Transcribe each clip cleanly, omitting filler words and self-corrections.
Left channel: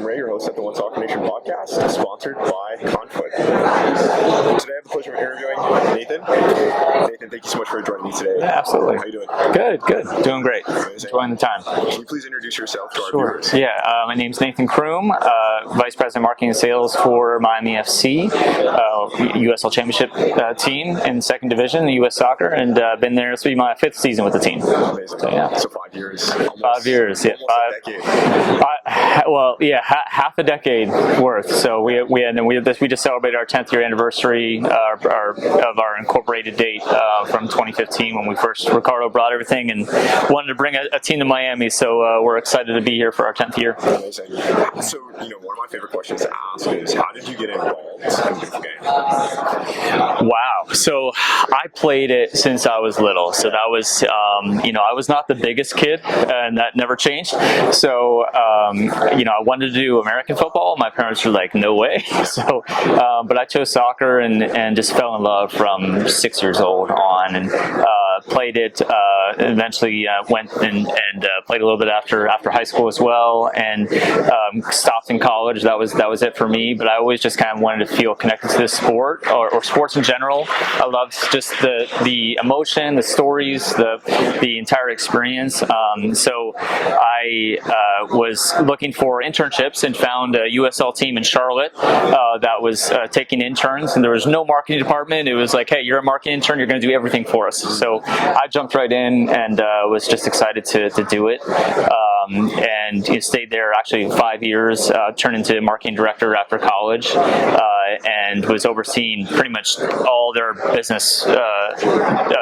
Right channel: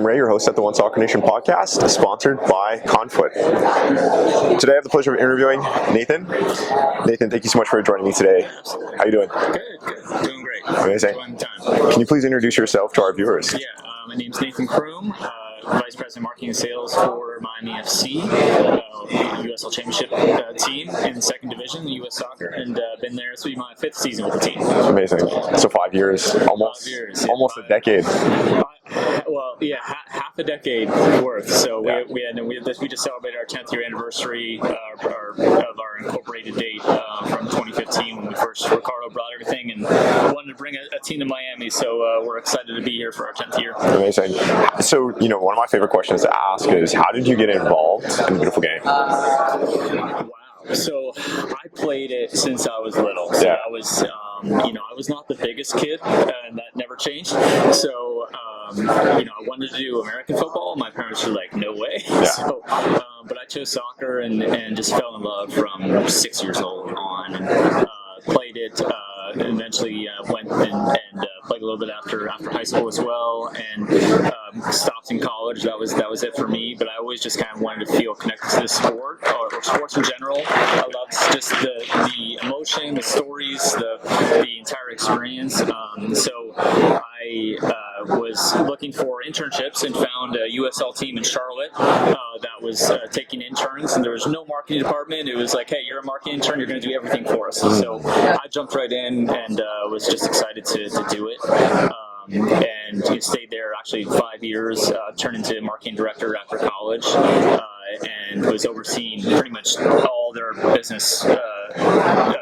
Kareem Rae, your host at the One Soccer Nation podcast, sponsored by Conflict. Today I have the pleasure of interviewing Nathan. Nathan, thank you so much for joining me today. Yeah, absolutely. How you doing? Good. Doing great. Amazing. Enjoying the time. Can you please introduce yourself to our viewers? Yeah, my name's Nathan Krum, Vice President Marketing and Sales for Miami FC, USL Championship team in the second division, the US Soccer, and been there. This will be my 5th season with the team. Amazing. So 5 years. Almost 5 years. Yeah, almost a decade. Half a decade worth. So we just celebrated our 10th year anniversary of our incorporated date from 2015 when Ricardo brought everything and wanted to bring a team to Miami. So we're excited to be here for our 10th year. Amazing. So one of my favorite questions to ask is, how did you get involved in the beautiful game? Wow. So I played it since I was little. So that was, I was not the biggest kid, and that never changed. So, I wanted to do American football. My parents were like, no way. Yeah. So, but I chose soccer and just fell in love from 6 years old on, and played it. Eventually went and played a little bit after high school as well, and stopped in college. That was it for me. But I always just kind of wanted to feel connected to this sport or sports in general. I loved just the emotion, the stories, the entire experience. So I was looking for internships and found a USL team in Charlotte that was taking interns, and there was no marketing department. It was like, hey, you're a marketing intern, you're going to do everything for us. So I jumped right in and was just excited to do it. And stayed there actually 5 years, turned into marketing director after college, and was overseeing pretty much all their business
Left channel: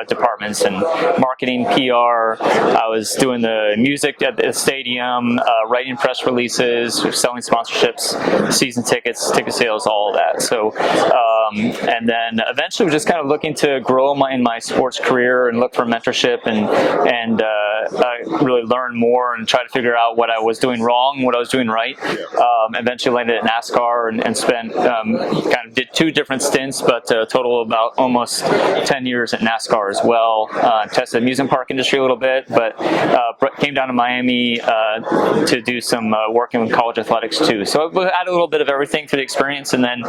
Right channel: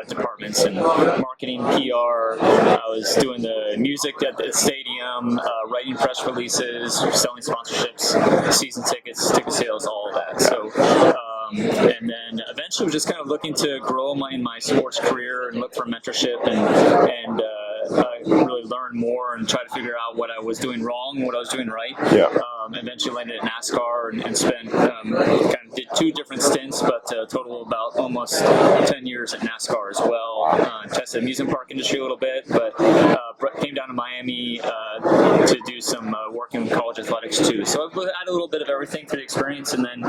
departments and marketing, PR. I was doing the music at the stadium, writing press releases, selling sponsorships, season tickets, ticket sales, all of that. So, and then eventually was just kind of looking to grow in my sports career and look for mentorship and really learn more and try to figure out what I was doing wrong, what I was doing right. Yeah. Eventually landed at NASCAR and spent kind of did 2 different stints, but a total of about almost 10 years at NASCAR as well. Tested the amusement park industry a little bit, but came down to Miami to do some working with college athletics too. So I had a little bit of everything through the experience. And then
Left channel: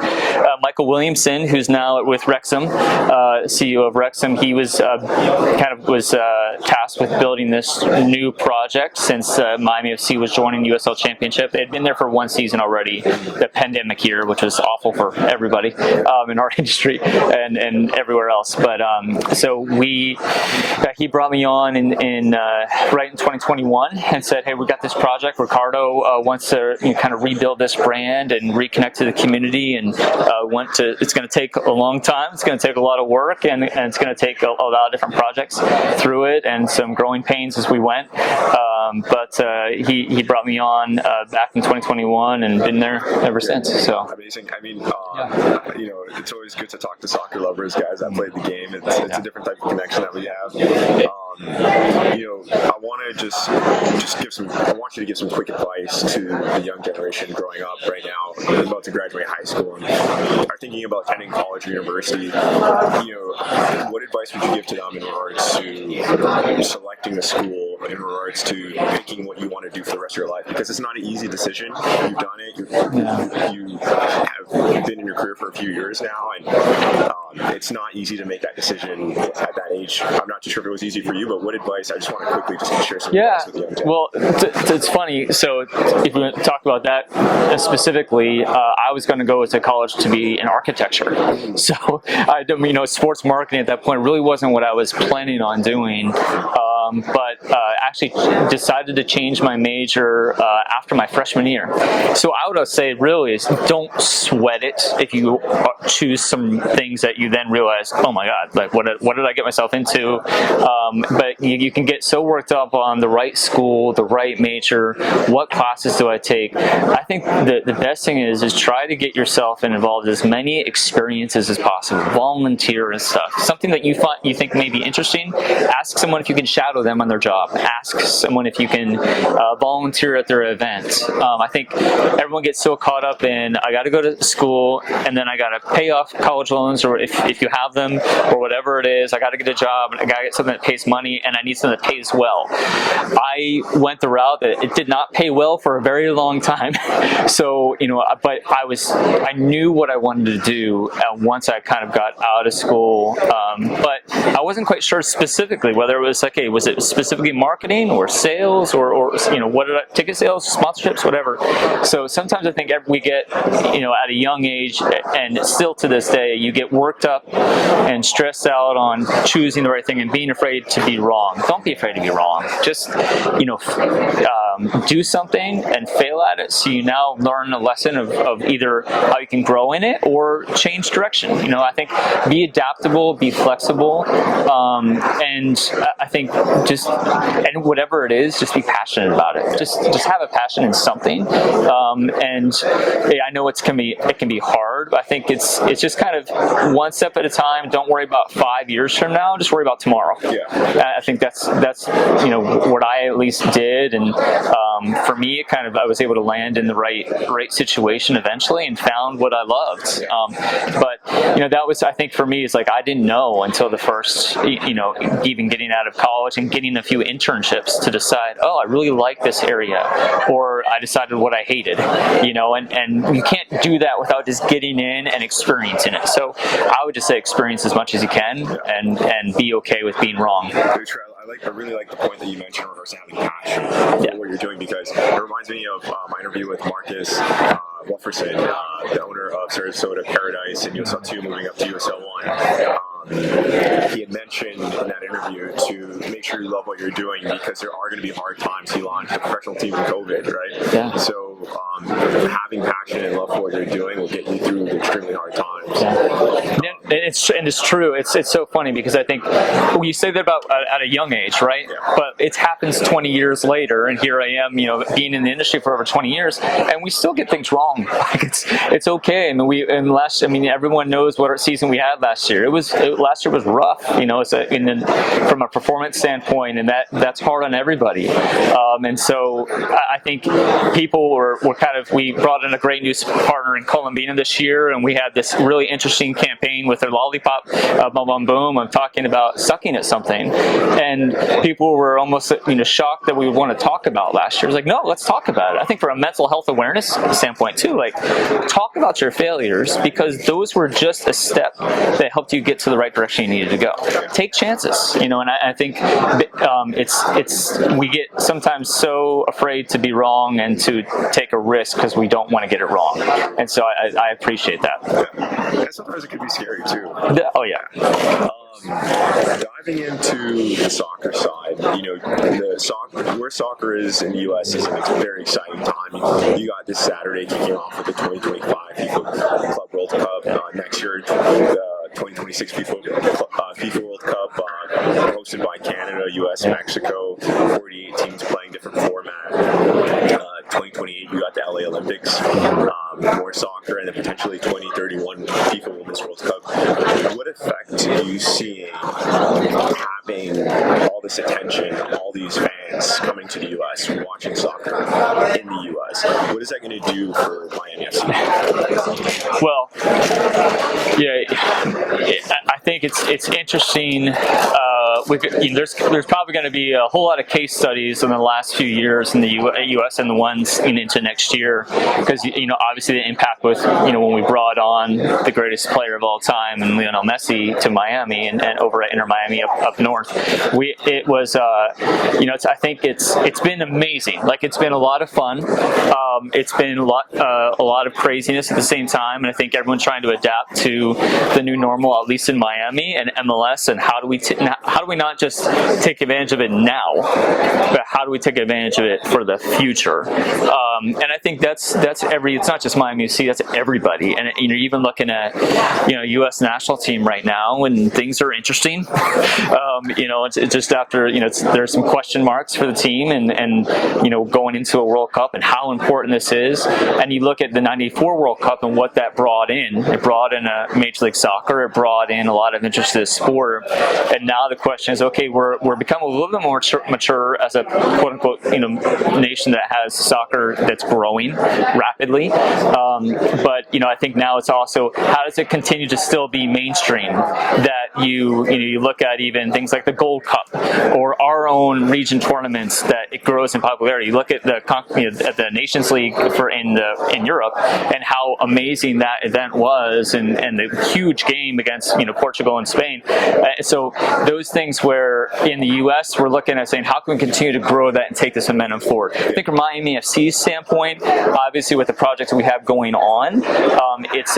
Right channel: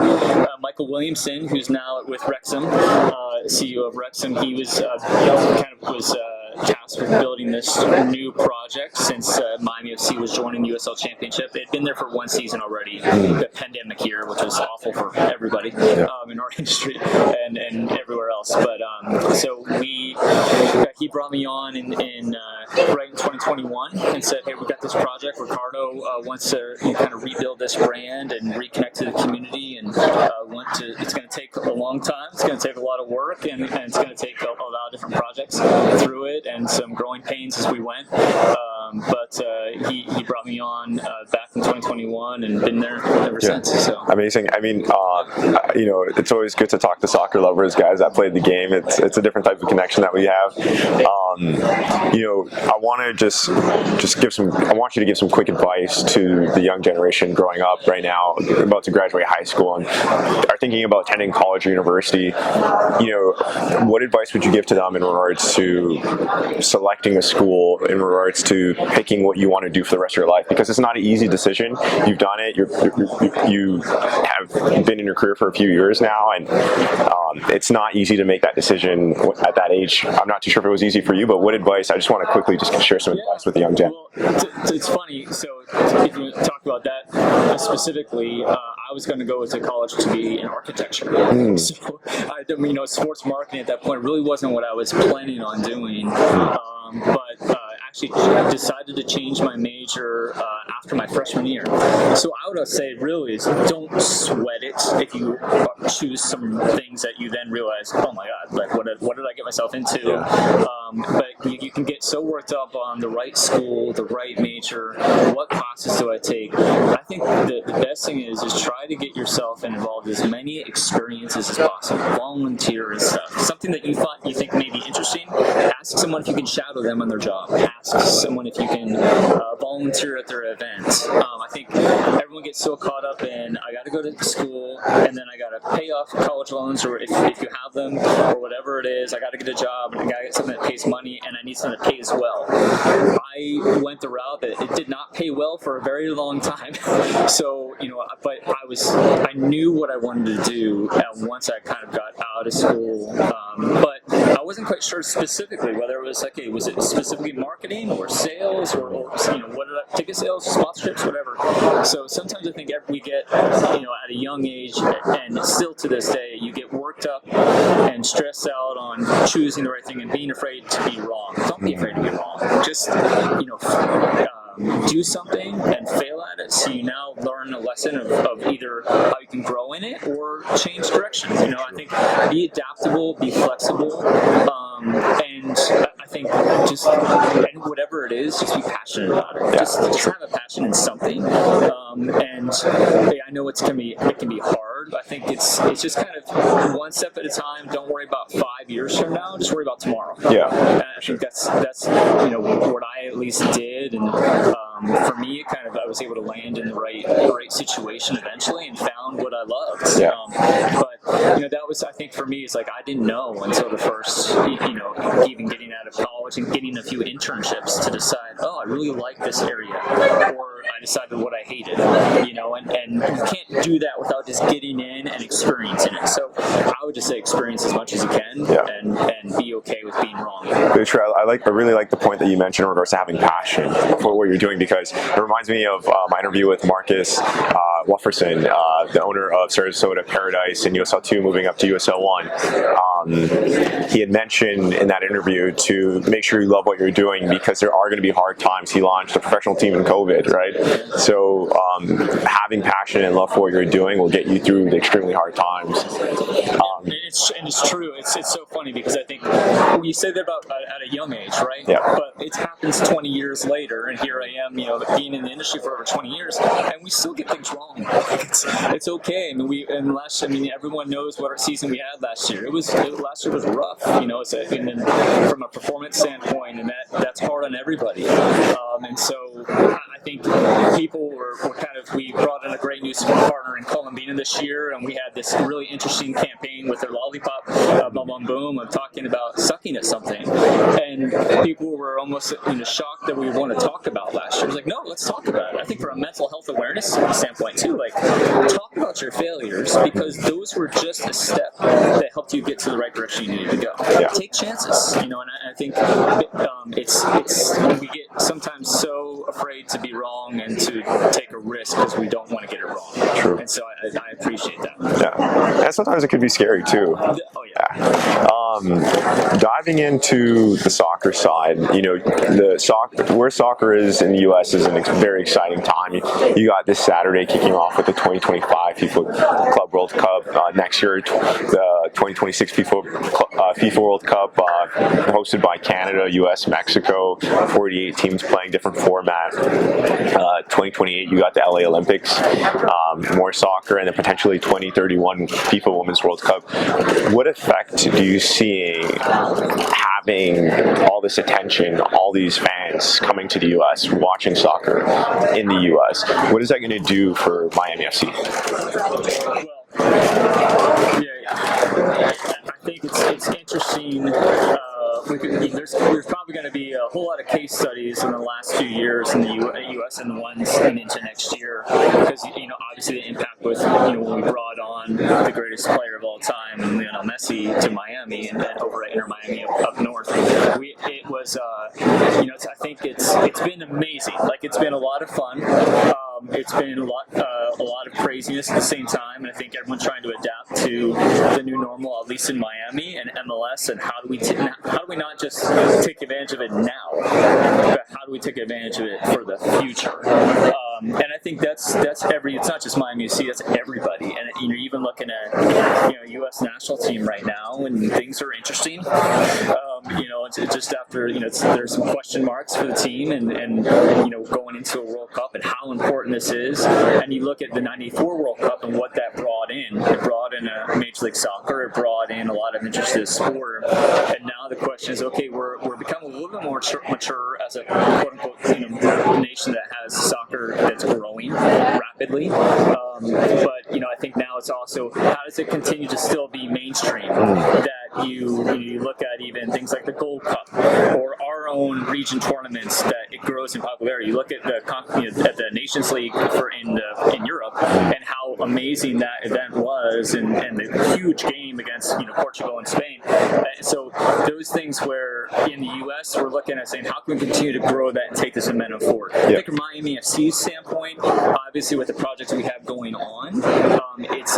Michael Williamson, who's now with Wrexham, CEO of Wrexham, he was tasked with building this new project since Miami FC was joining the USL Championship. They'd been there for 1 season already, the pandemic year, which was awful for everybody in our industry and everywhere else. But so he brought me on right in 2021 and said, hey, we got this project. Ricardo wants to kind of rebuild this brand and reconnect to the community, and it's going to take a long time. It's going to take a lot of work, and it's going to take a lot of different projects through it and some growing pains as we went. But he brought me on back in 2021 and been there ever since. So amazing. I mean, it's always good to talk to soccer lovers, guys that played the game. It's a different type of connection that we have. I want to just I want you to give some quick advice to the young generation growing up right now, about to graduate high school and are thinking about attending college or university. What advice would you give to them in regards to selecting a school, in regards to picking what you want to do for the rest of your life? Because it's not an easy decision. You've done it. You have been in your career for a few years now, and it's not easy to make that decision at that age. I'm not too sure if it was easy for you, but what advice? I just want to quickly just share some advice with the young gen. Well, it's funny. So if we talk about that specifically, I was going to go to college to be in architecture. So sports marketing at that point really wasn't what I was planning on doing. But actually decided to change my major after my freshman year. So I would say really is don't sweat it if you choose some things that you then realize, oh my God, like what did I get myself into? But you can get so worked up on the right school, the right major, what classes do I take? I think the best thing is try to get yourself involved in as many experiences as possible, volunteer and stuff. Something that you think may be interesting, ask someone if you can shadow them on their job. ask someone if you can volunteer at their event. I think everyone gets so caught up in, I got to go to school and then I got to pay off college loans, or if you have them, or whatever it is, I got to get a job and I got to get something that pays money, and I need something that pays well. I went the route that it did not pay well for a very long time. So, but I knew what I wanted to do once I kind of got out of school. But I wasn't quite sure specifically whether it was was it specifically marketing or sales or ticket sales, sponsorships, whatever. So sometimes I think we get, at a young age, and still to this day, you get worked up and stressed out on choosing the right thing and being afraid to be wrong. Don't be afraid to be wrong. Just, do something and fail at it, so you now learn a lesson of either how you can grow in it or change direction. I think be adaptable, be flexible, and I think and whatever it is, just be passionate about it. Just have a passion in something. And I know it can be hard, but I think it's just kind of one step at a time. Don't worry about 5 years from now. Just worry about tomorrow. Yeah, I think that's what I at least did, and for me, I was able to land in the right situation eventually and found what I loved. Yeah. But that was, I think, for me, it's like I didn't know until the first, even getting out of college and getting a few internships to decide, I really like this area, or I decided what I hated, and you can't do that without just getting in and experiencing it. So I would just say experience as much as you can, and be okay with being wrong. Very true. I really like the point that you mentioned in regards to having passion for what you're doing, because it reminds me of my interview with Marcus Wufferson, the owner of Sarasota Paradise and USL 2, moving up to USL 1. He had mentioned in that interview to make sure you love what you're doing, because there are going to be hard times. He launched a professional team in COVID, right? Yeah. So having passion and love for what you're doing will get you through the extremely hard times. And it's true. It's so funny, because I think you say that about at a young age, right? Yeah. But it happens 20 years later, and here I am, being in the industry for over 20 years, and we still get things wrong. Like it's okay. Everyone knows what season we had last year. Last year was rough, from a performance standpoint, and that's hard on everybody. And so I think people were we brought in a great new partner in Columbina this year, and we had this really interesting campaign with their lollipop, boom, boom, boom. I'm talking about sucking at something, and people were almost shocked that we would want to talk about last year. It was like, no, let's talk about it. I think from a mental health awareness standpoint too, talk about your failures, because those were just a step that helped you get to the right direction you needed to go. Yeah. Take chances, and I think we get sometimes so afraid to be wrong and to take a risk because we don't want to get it wrong. True. And so I appreciate that. Yeah, and sometimes it could be scary too. Oh yeah. Diving into the soccer side, where soccer is in the U.S. is a very exciting time. You got this Saturday kicking off with the 2025 FIFA Club World Cup. Next year, the 2026 FIFA World Cup, hosted by Canada, U.S., Mexico. 48 teams playing different format. 2028, you got the LA Olympics, more soccer, and then potentially 2031 FIFA Women's World Cup. What effect do you see having all this attention, all these fans coming to the U.S., watching soccer in the U.S.? What is that going to do for Miami FC? Well, I think it's interesting. There's probably going to be a whole lot of case studies in the last few years in the U.S. and the ones into next year, because obviously the impact with when we brought on the greatest player of all time and Lionel Messi to Miami and over at Inter Miami up north, I think it's been amazing. It's been a lot of fun. It's been a lot of craziness at the same time, and I think everyone's trying to adapt to the new normal, at least in Miami and MLS. And how do we not just take advantage of it now, but how do we take advantage of it for the future? And I think that's it's not just Miami FC, that's everybody. And even looking at U.S. national team right now, and things are interesting. It's just after there's some question marks for the team, and going into a World Cup and how important this is. And you look at the '94 World Cup and what that brought in. It brought in a Major League Soccer. It brought in a lot of interest in the sport. And now the question is, okay, we're becoming a little bit more mature as a quote unquote nation that has soccer that's growing rapidly. But I think now it's also, how does it continue to still be mainstream? That you look at even things like the Gold Cup or our own region tournaments, that it grows in popularity. You look at the Nations League in Europe, and how amazing that event was, and the huge game against Portugal and Spain. So those things where in the U.S. we're looking at saying, how can we continue to grow that and take this momentum forward? I think from Miami FC's standpoint, obviously with the projects that we have going on, it's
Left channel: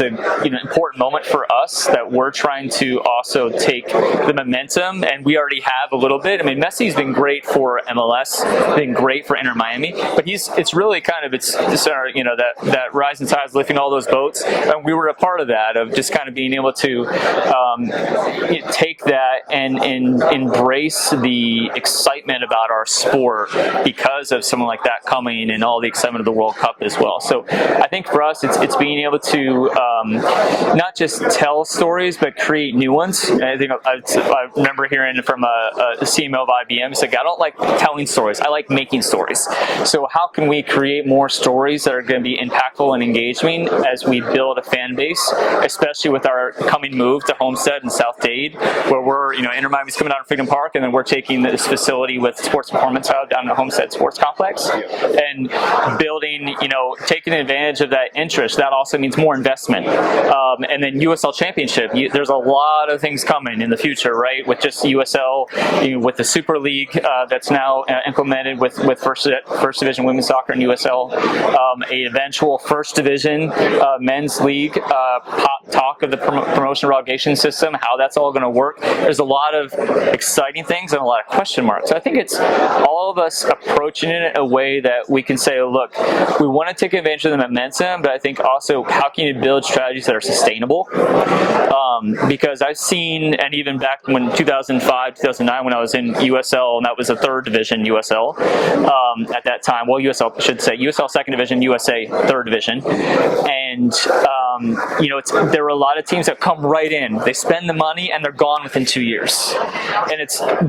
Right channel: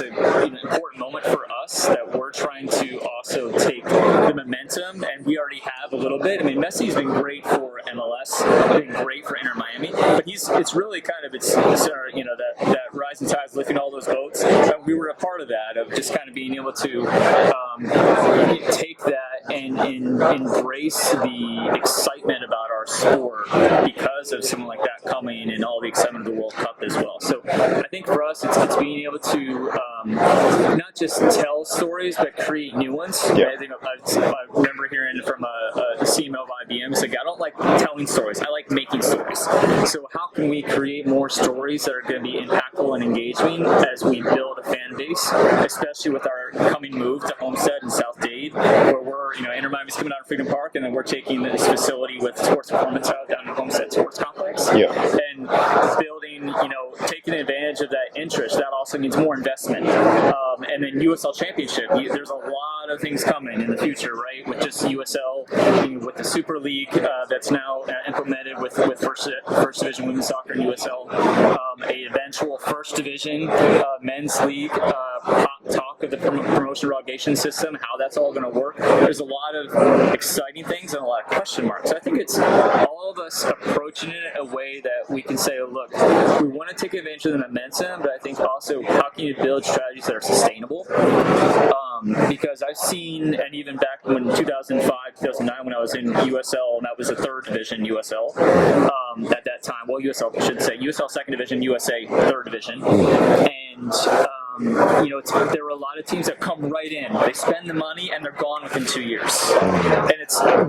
an important moment for us that we're trying to also take the momentum, and we already have a little bit. I mean, Messi's been great for MLS, been great for Inter Miami, but it's really kind of that rising tide is lifting all those boats, and we were a part of that, of just kind of being able to take that and embrace the excitement about our sport because of someone like that coming, and all the excitement of the World Cup as well. So I think for us, it's being able to not just tell stories, but create new ones. I think I remember hearing from a CMO of IBM, he's like, I don't like telling stories, I like making stories. So how can we create more stories that are going to be impactful and engaging as we build a fan base, especially with our coming move to Homestead in South Dade, where we're, Inter Miami's coming out of Freedom Park, and then we're taking this facility with Sports Performance Hub down to Homestead Sports Complex, and building, taking advantage of that interest. That also means more investment. And then USL Championship, there's a lot of things coming in the future, right? With just USL, with the Super League that's now implemented with First Division Women's Soccer and USL, a eventual First Division Men's League, talk of the promotion relegation system, how that's all going to work. There's a lot of exciting things and a lot of question marks. So I think it's all of us approaching it in a way that we can say, look, we want to take advantage of the momentum, but I think also, how can you build strategies that are sustainable? Because I've seen, and even back when 2005, 2009, when I was in USL, and that was a third division USL at that time. Well, USL, I should say, USL second division, USA third division. And there were a lot of teams that come right in. They spend the money and they're gone within 2 years. And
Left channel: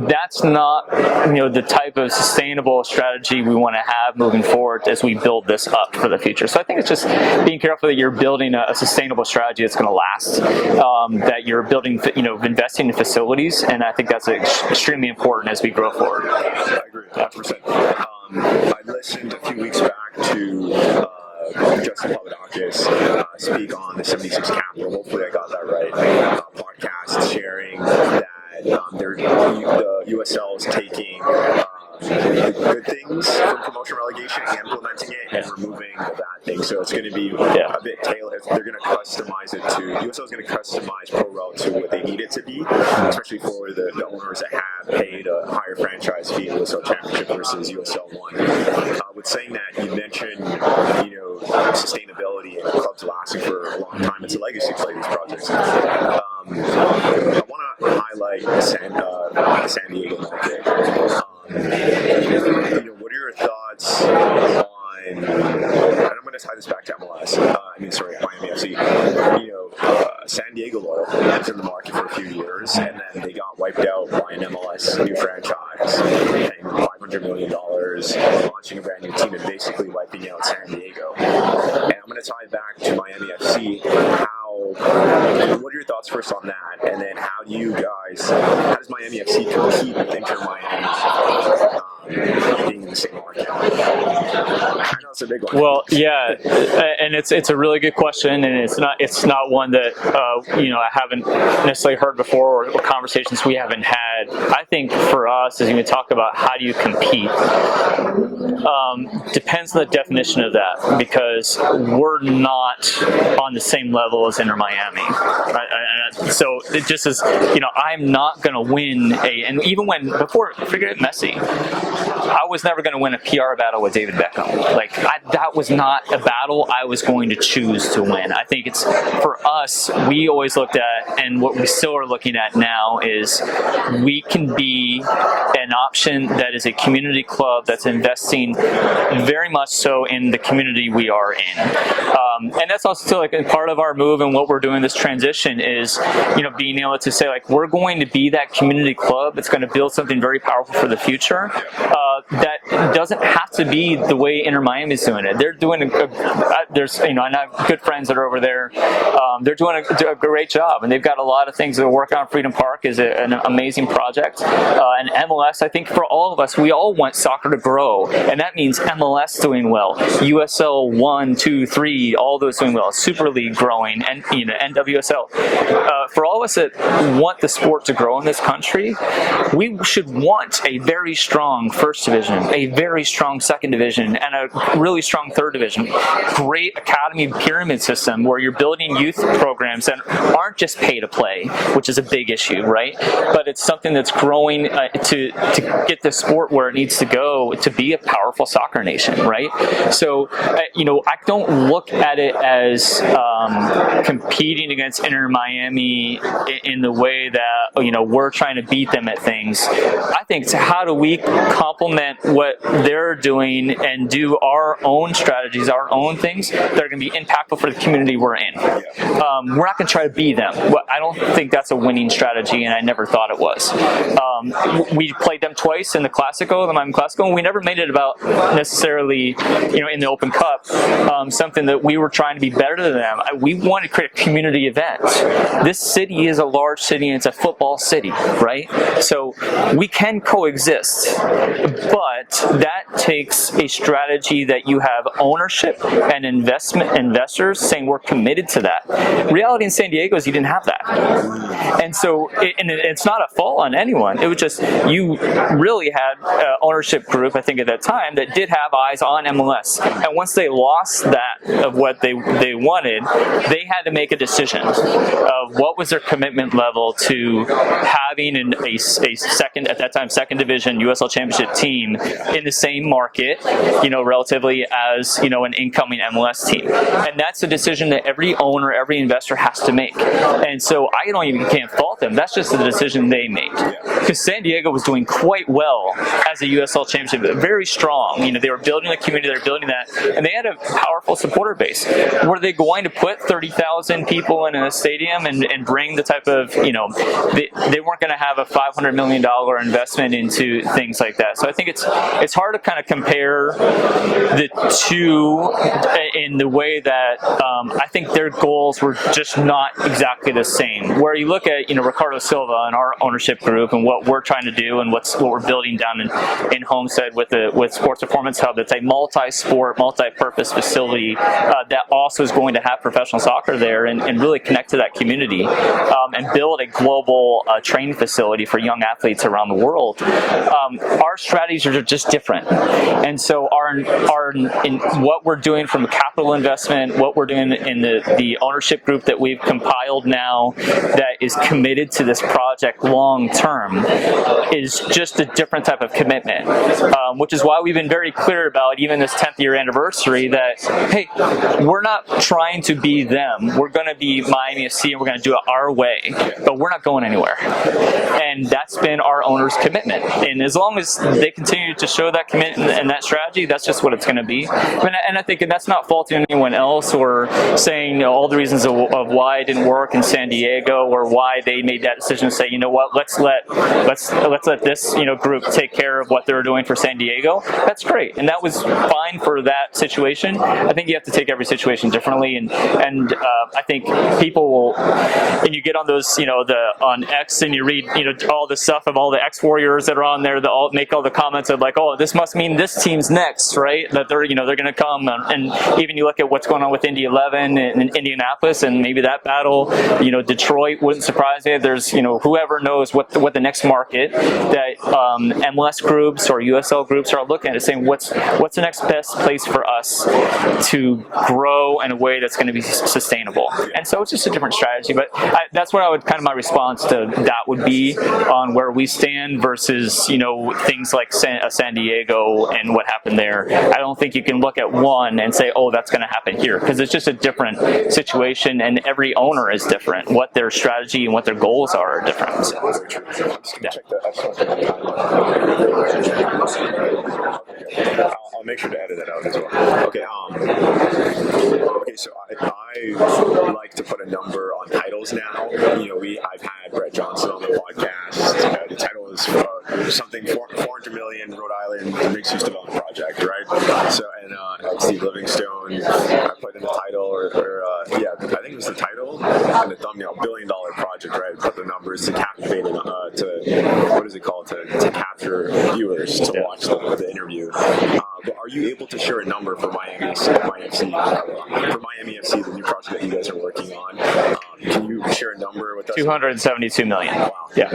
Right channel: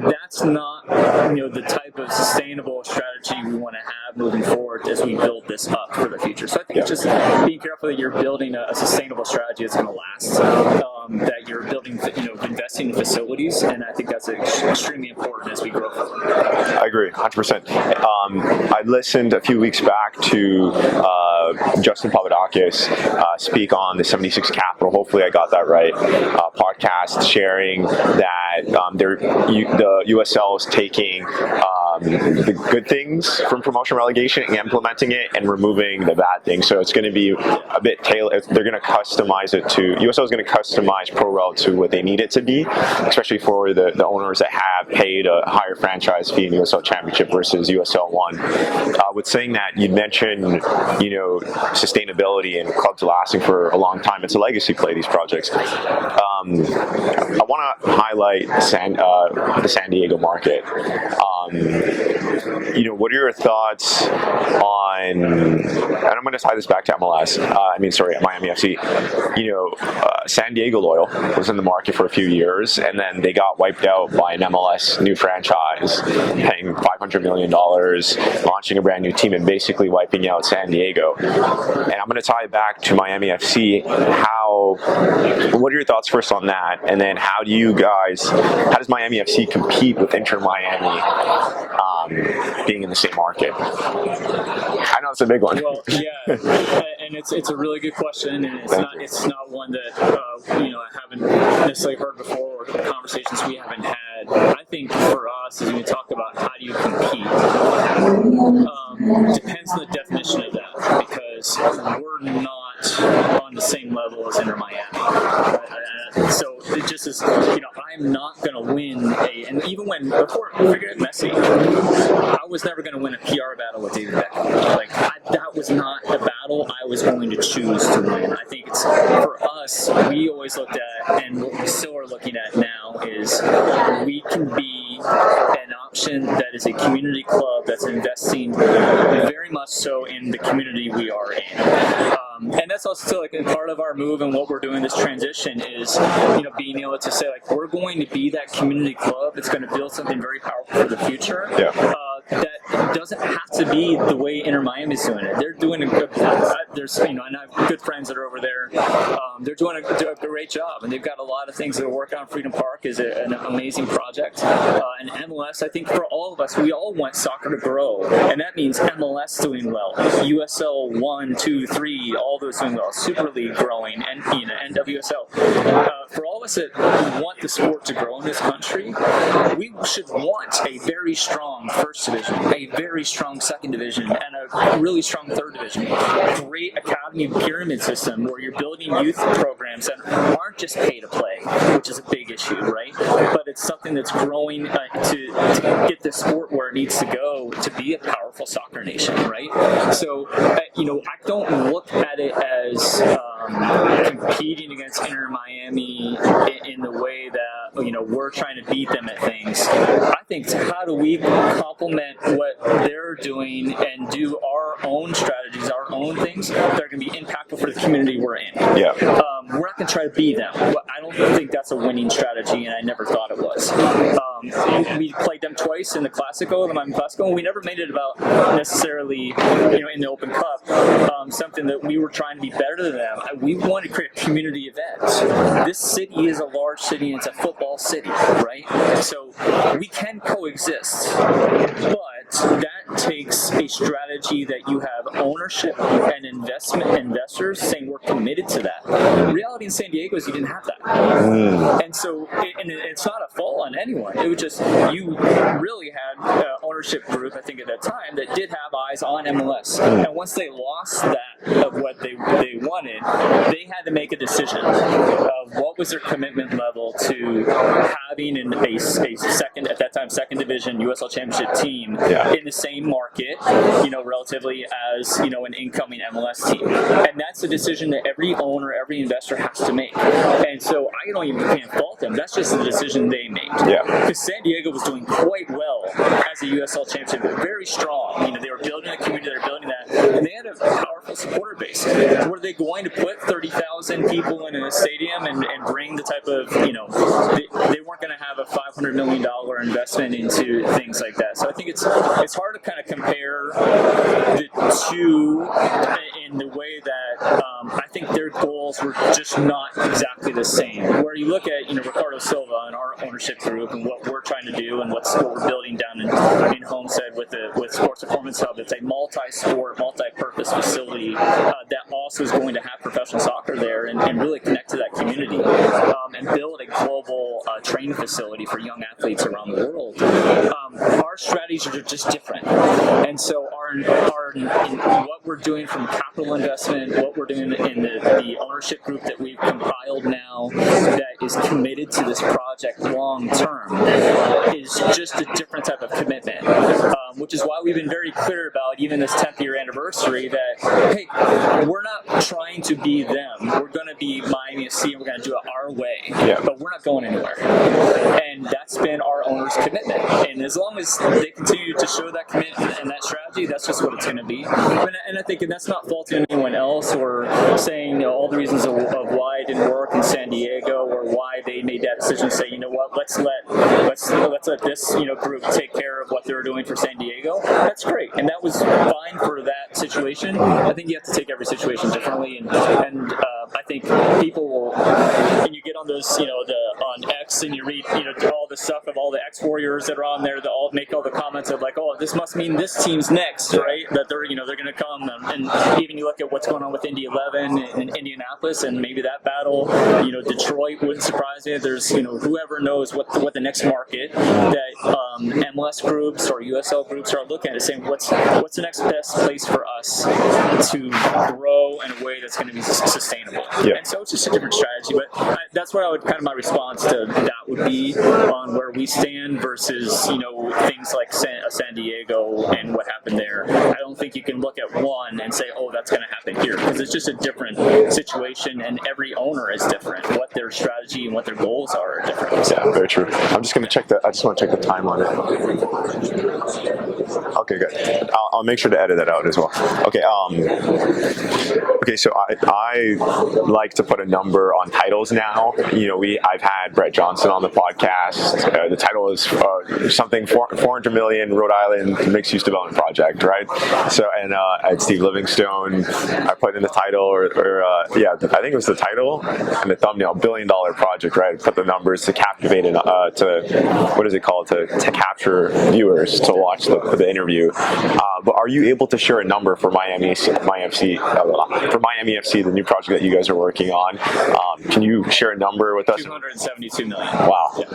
that's not the type of sustainable strategy we want to have moving forward as we build this up for the future. So I think it's just being careful that you're building a sustainable strategy that's going to last, that you're building, investing in facilities, and I think that's extremely important as we grow forward. I agree, 100%. I listened a few weeks back to Justin Papadakis speak on the 76 Capital, hopefully I got that right, podcast, sharing that the USL is taking the good things from promotion relegation and implementing it, and removing the bad things. So it's going to be a bit tailored. They're going to customize it to, USL is going to customize Pro Rel to what they need it to be, especially for the owners that have paid a higher franchise fee in USL Championship versus USL 1. With saying that, you mentioned, sustainability and clubs lasting for a long time. It's a legacy play, these projects. I want to highlight the San Diego market. What are your thoughts on, and I'm going to tie this back to MLS, Miami FC. San Diego Loyal was in the market for a few years, and then they got wiped out by an MLS new franchise, paying $500 million, launching a brand new team, and basically wiping out San Diego. And I'm going to tie it back to Miami FC. What are your thoughts first on that? And then how does Miami FC compete with Inter Miami being in the same market? I know it's a big one. Well, yeah, and it's a really good question, and it's not one that I haven't necessarily heard before, or conversations we haven't had. I think for us, as we talk about how do you compete, depends on the definition of that, because we're not on the same level as Inter Miami. Right? So it just is, I'm not going to win and even before, forget Messi, I was never going to win a PR battle with David Beckham. Like, that was not a battle I was going to choose to win. I think it's, for us, we always looked at, and what we still are looking at now is we can be an option that is a community club that's investing very much so in the community we are in. And that's also still like a part of our move and what we're doing this transition is, being able to say, like, we're going to be that community club that's going to build something very powerful for the future. Yeah. That doesn't have to be the way Inter Miami is doing it. They're doing there's, and I have good friends that are over there. They're doing a great job, and they've got a lot of things that are working on. Freedom Park is an amazing project. And MLS, I think for all of us, we all want soccer to grow, and that means MLS doing well, USL 1, 2, 3, all those doing well, Super League growing, and NWSL. For all of us that want the sport to grow in this country, we should want a very strong first division, a very strong second division, and a really strong third division. Great academy and pyramid system where you're building youth programs that aren't just pay to play, which is a big issue, right? But it's something that's growing to get the sport where it needs to go to be a powerful soccer nation, right? So, I don't look at it as competing against Inter Miami in the way that, we're trying to beat them at things. I think it's how do we complement what they're doing and do our own strategies, our own things that are going to be impactful for the community we're in. Yeah. We're not going to try to be them. I don't think that's a winning strategy, and I never thought it was. We played them twice in the Classico, the Miami Classico, and we never made it about necessarily, in the Open Cup, something that we were trying to be better than them. We wanted to create a community event. This city is a large city, and it's a football city, right? So we can coexist, but that takes a strategy that you have ownership and investors saying we're committed to that. The reality in San Diego is you didn't have that. And so it's not a fault on anyone. It was just you really had ownership group, I think at that time, that did have eyes on MLS. And once they lost that of what they wanted, they had to make a decision of what was their commitment level to having a second, at that time, second division USL Championship team in the same market, relatively as, an incoming MLS team. And that's a decision that every owner, every investor has to make. And so I can't fault them. That's just the decision they made. Because San Diego was doing quite well as a USL Championship, very strong. They were building a community, they were building that, and they had a powerful supporter base. Were they going to put 30,000 people in a stadium and bring the type of, they weren't going to have a $500 million investment into things like that. So I think it's hard to kind of compare the two in the way that I think their goals were just not exactly the same. Where you look at, Ricardo Silva and our ownership group and what we're trying to do and what we're building down in Homestead with Sports Performance Hub, that's a multi-sport, multi-purpose facility that also is going to have professional soccer there and really connect to that community and build a global training facility for young athletes around the world. Our strategies are just different, and so in what we're doing from a capital investment, what we're doing in the ownership group that we've compiled now that is committed to this project long term is just a different type of commitment, which is why we've been very clear about even this 10th year anniversary that, hey, we're not trying to be them. We're going to be Miami FC and we're going to do it our way, but we're not going anywhere. And that's been our owner's commitment. And as long as they continue to show that commitment and that strategy, that's just what it's going to be. And I think, and that's not faulting anyone else or saying all the reasons of why it didn't work in San Diego or why they made that decision to say, what, let's let this group take care of what they were doing for San Diego. That's great, and that was fine for that situation. I think you have to take every situation differently, and I think people will, and you get on those, on X, and you read, all the stuff of all the X Warriors that are on there that all make all the comments of like, oh, this must mean this team's next, right? That they're going to come, and even you look at what's going on with Indy 11 and Indianapolis, and maybe that battle, Detroit wouldn't surprise me. it. There's whoever knows what the next market that MLS groups or USL groups are looking at, saying what's the next best place for us to grow in a way that's going to be sustainable. Yeah. And so it's just a different strategy. But that's what I would my response to that would be on where we stand versus things like San Diego and what happened there. I don't think you can look at one and say, oh, that's going to happen here, because it's just a different situation, and every owner is different. What their strategy and what their goals are different. So. Yeah, very true. I'm just going to check I just want to check the time on it. Okay, good. I'll make sure to edit that out as well. Okay. Okay. So I like to put a number on titles now. I've had Brett Johnson on the podcast. The title is something 400 million Rhode Island mixed use development project, right? So I had Steve Livingstone. I put in the title, I think it was the title and the thumbnail, $1 billion project, right? Put the numbers to captivate to what is it called, to capture viewers to watch the interview. But are you able to share a number for Miami FC, the new project that you guys are working on? Can you share a number with us? 272 million. Wow. Yeah.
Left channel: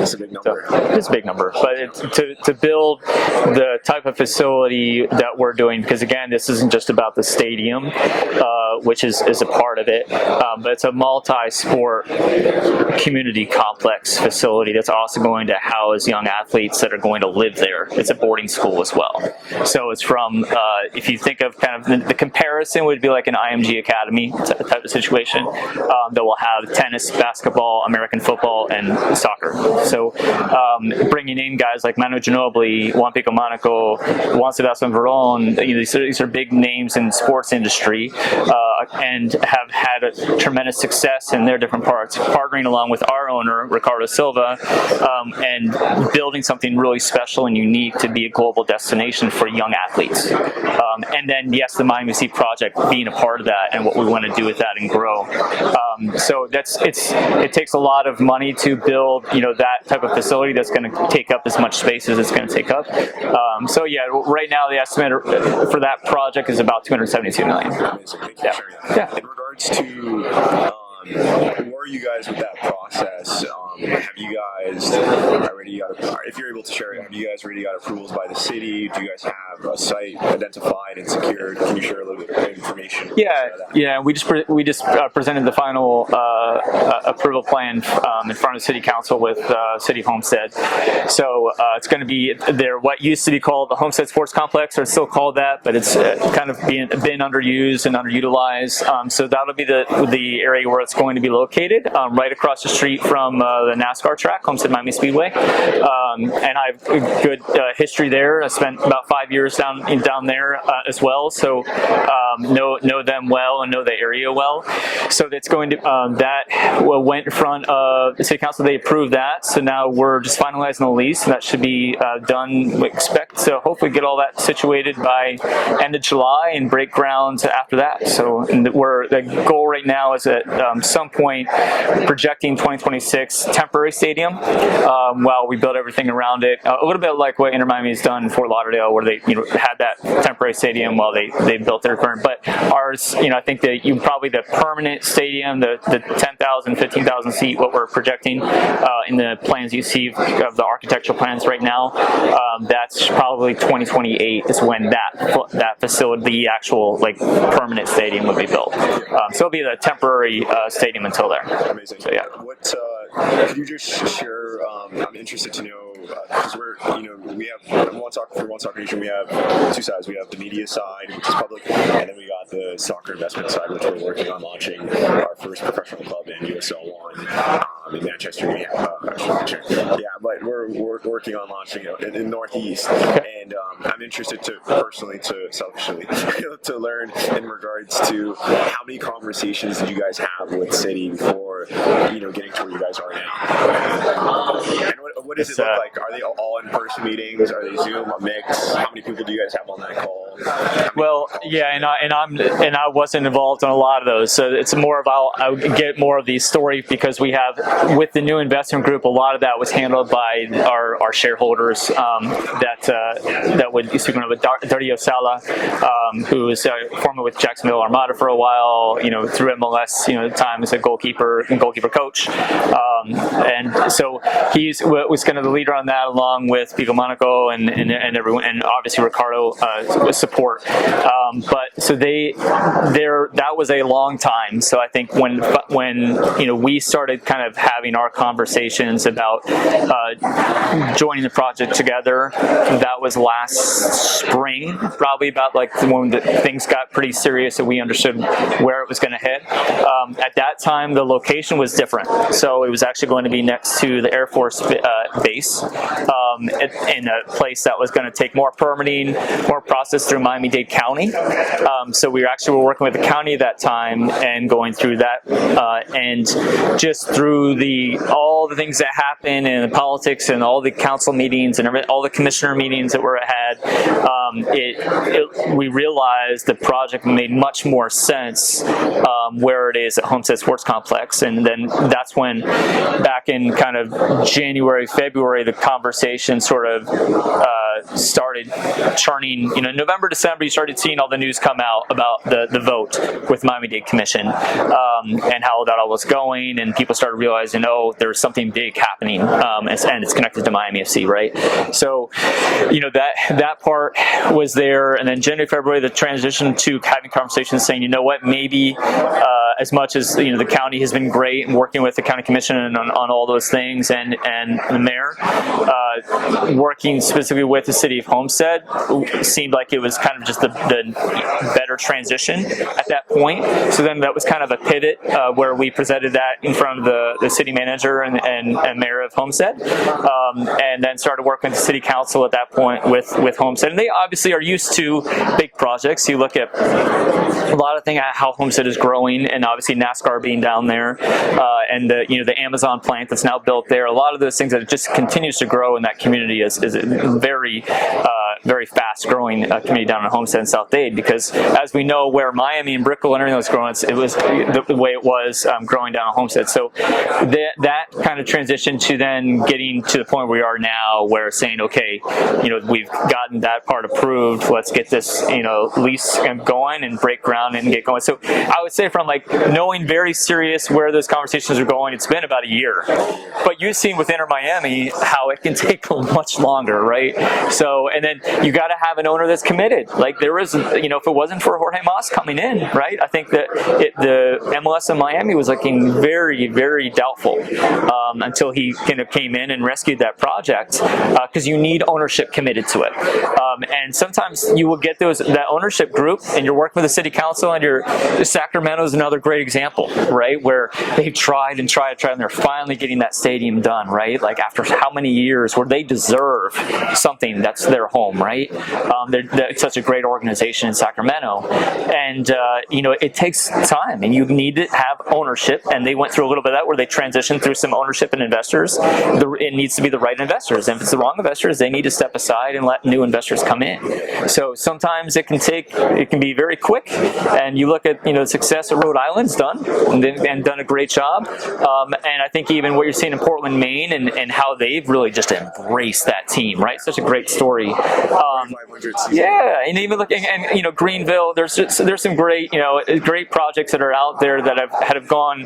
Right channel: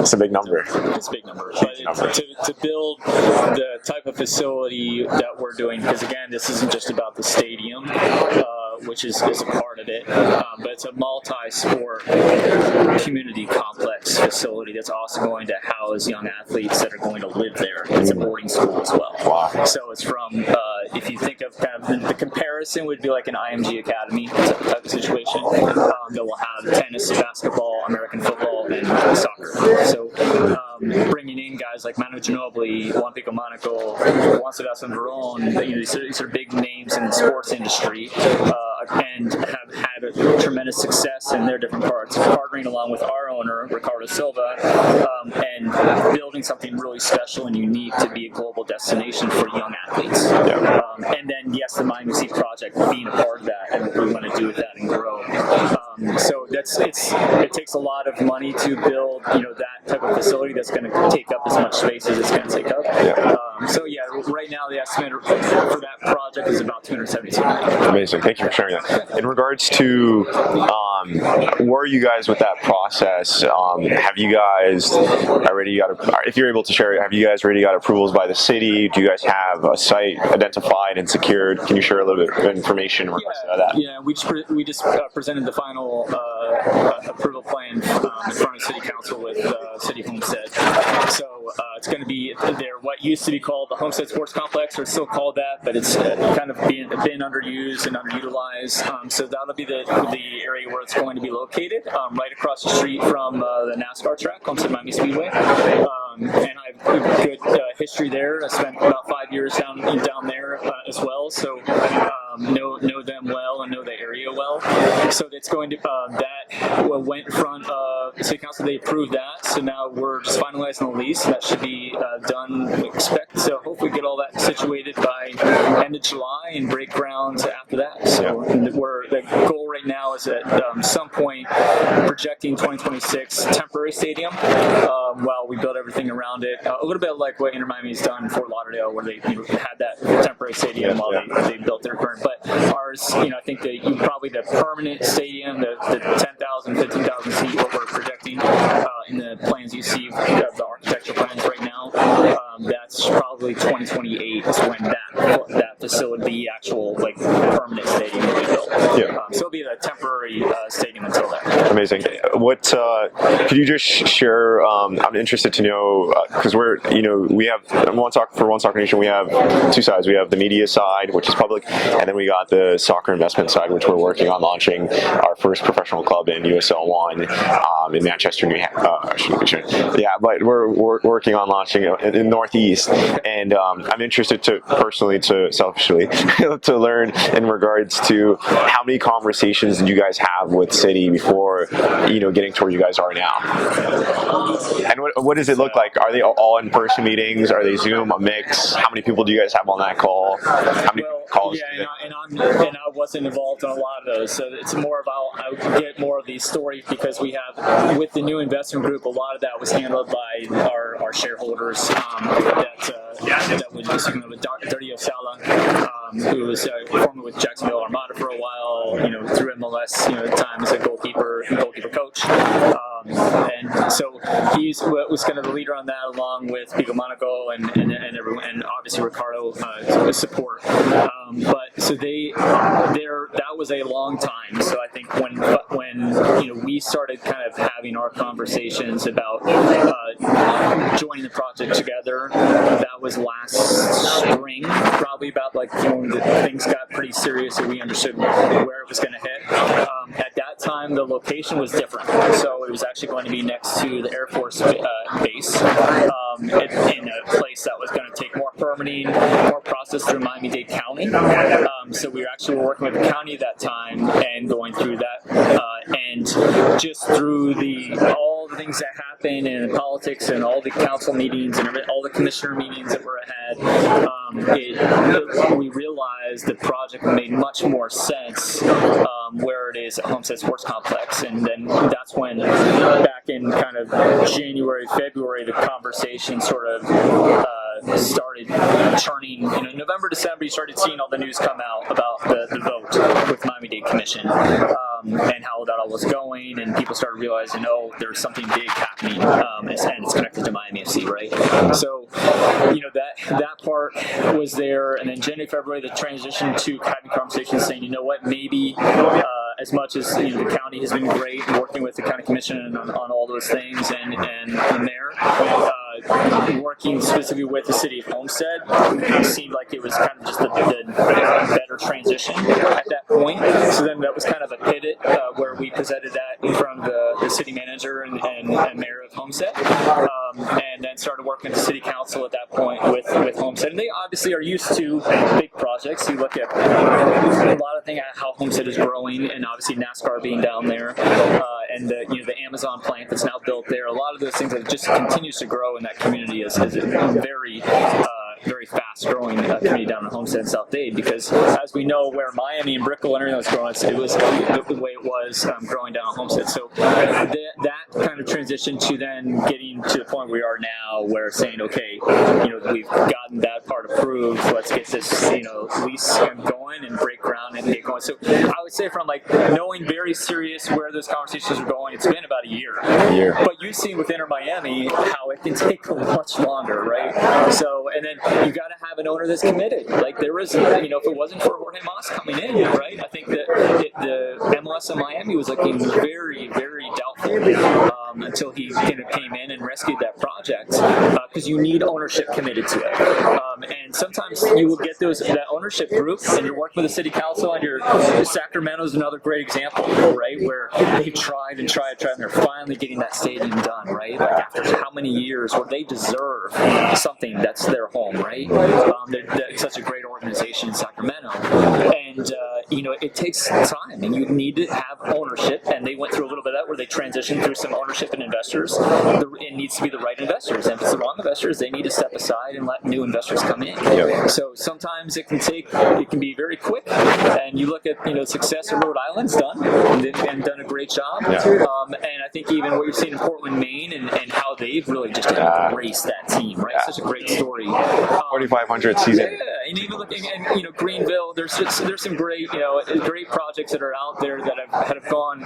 It's a big number. It's a big number. But to build the type of facility that we're doing, because again, this isn't just about the stadium, which is a part of it, but it's a multi-sport community complex facility that's also going to house young athletes that are going to live there. It's a boarding school as well. Wow. So it's from, if you think of kind of the comparison would be like an IMG Academy type of situation, that will have tennis, basketball, American football, and soccer. So bringing in guys like Manu Ginobili, Juan Pico Monaco, Juan Sebastian Veron, these are big names in the sports industry, and have had a tremendous success in their different parts, partnering along with our owner, Ricardo Silva, and building something really special and unique to be a global destination for young athletes. And then, yes, the Miami FC project being a part of that and what we want to do with that and grow. So it takes a lot of money to build, that type of facility that's going to take up as much space as it's going to take up. Right now the estimate for that project is about 272 million. Amazing. Thank you for sharing that. Yeah. In regards to where are you guys with that process? Have you guys already if you're able to share it, have you guys already got approvals by the city? Do you guys have a site identified and secured? Can you share a little bit of information about that? Yeah. We just presented the final approval plan in front of City Council with City of Homestead. So it's going to be what used to be called the Homestead Sports Complex, or it's still called that, but it's kind of been underused and underutilized. So that'll be the area where it's going to be located, right across the street from the NASCAR track, Homestead Miami Speedway. And I have a good history there. I spent about 5 years down there as well, so know them well and know the area well. So that's going to that went in front of the City Council. They approved that, so now we're just finalizing the lease. That should be done. We expect to hopefully get all that situated by end of July and break ground after that. So the goal right now is at some point projecting 2026 temporary stadium while we build everything around it. A little bit like what Inter Miami has done in Fort Lauderdale, where they had that temporary stadium while they built their current. But ours, I think that probably the permanent stadium, the 10,000, 15,000 seat, what we're projecting in the plans you see of the architectural plans right now, that's probably 2028 is when that facility, the actual permanent stadium, will be built. So it'll be the temporary stadium until there. Amazing. So, yeah. What could you just share? I'm interested to know because we have One Soccer Nation. We have two sides. We have the media side, which is public, and then we got the soccer investment side, which we're working on launching our first professional club in USL 1 in Manchester, New Hampshire. Yeah, but we're working on launching in Northeast, and I'm interested selfishly to learn in regards to how many conversations did you guys have with City before getting to where you guys are now, and what does it look like? Are they all in-person meetings? Are they Zoom, a mix? How many people do you guys have on that call? Well, yeah, and I wasn't involved in a lot of those, so it's more about I would get more of the story because we have with the new investment group, a lot of that was handled by our shareholders that would be speaking with Dario Sala, who was former with Jacksonville Armada for a while, through MLS, at the time as a goalkeeper coach. And so he was kind of the leader on that, along with Pico Monaco and everyone, and obviously Ricardo with support. But so that was a long time. So I think when we started kind of having our conversations about joining the project together, that was last spring, probably about like when things got pretty serious and we understood where it was going to hit. At that time, the location was different. So it was actually going to be next to the Air Force base, in a place that was going to take more permitting, more process through Miami-Dade County. So we actually were working with the county at that time and going through that, and just through all the things that happened and the politics and all the council meetings and all the commissioner meetings that were had, we realized the project made much more sense where it is at Homestead Sports Complex. And then that's when, back in kind of January, February, the conversation sort of started churning. November, December, you started seeing all the news come out about the vote with Miami-Dade Commission, and how that all was going, and people started realizing, there's something big happening, and it's connected to Miami FC, right? So, that part was there, and then January, February, the transition to having conversations saying, maybe as much as the county has been great working with the county commission on all those things, and the mayor, working specifically with the city of Homestead seemed like it was kind of just the better transition at that point. So then that was kind of a pivot where we presented that in front of the city manager and mayor of Homestead, and then started working with the city council at that point with Homestead. And they obviously are used to big projects. You look at a lot of things, how Homestead is growing, and obviously NASCAR being down there, and the Amazon plant that's now built there. A lot of those things that it just continues to grow in that community is very fast growing community down in Homestead and South Dade, because as we know, where Miami and Brickell and everything was growing, it was the way it was growing down in Homestead. So that kind of transition to then getting to the point where we are now, where saying, okay, we've gotten that part approved, let's get this lease going and break ground and get going. So I would say, from like knowing very serious where those conversations are going, it's been about a year. But you've seen with Inter Miami how it can take much longer, right? So, and then you got to have an owner that's committed. Like there was, if it wasn't for Jorge Mas coming in, right? I think that the MLS in Miami was looking very, very doubtful until he kind of came in and rescued that project, because you need ownership committed to it. And sometimes you will get that ownership group, and you're working with the city council, and Sacramento is another great example, right? Where they've tried and they're finally getting that stadium done, right? Like after how many years, where they deserve something that's their home, right? They're such a great organization in Sacramento, and it takes time, and you need to have ownership. And they went through a little bit of that, where they transitioned through some ownership and investors. It needs to be the right investors, and if it's the wrong investors, they need to step aside and let new investors come in. Yep. So sometimes it can be very quick, and you look at the success of Rhode Island's done, and done a great job. Yeah. And I think even what you're seeing in Portland, Maine, and how they've really just embraced that team, right? Yeah. Such a great story. 4,500 season. Yeah, and even looking, and Greenville, there's some great great projects that are out there that have gone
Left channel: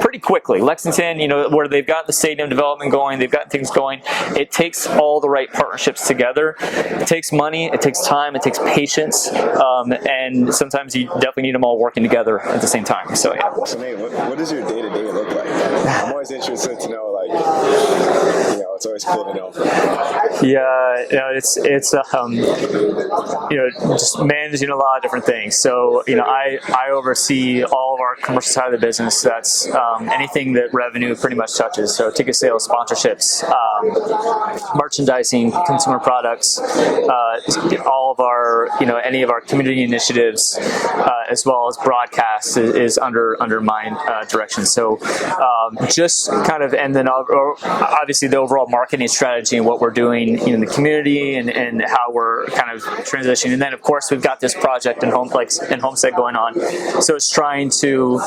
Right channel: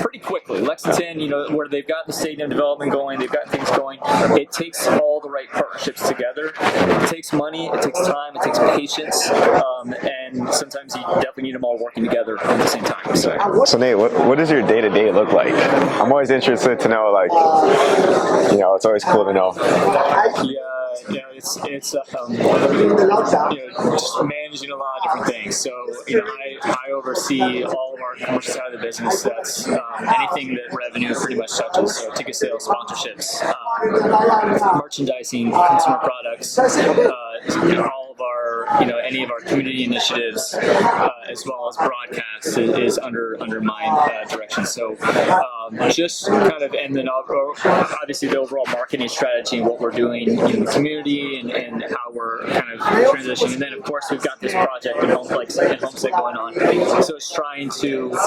pretty quickly. Lexington, where they've got the stadium development going, they've got things going. It takes all the right partnerships together. It takes money, it takes time, it takes patience, and sometimes you definitely need them all working together at the same time. So Nate, what does your day-to-day look like? I'm always interested to know, it's always cool to know. Yeah, it's just managing a lot of different things. So I oversee all of our commercial side of the business. That's anything that revenue pretty much touches. So ticket sales, sponsorships, merchandising, consumer products, all of our any of our community initiatives, as well as broadcast is under my direction. So just kind of, and then obviously the overall marketing strategy and what we're doing in the community, and how we're kind of transitioning. And then of course we've got this project in Homestead going on. So it's trying to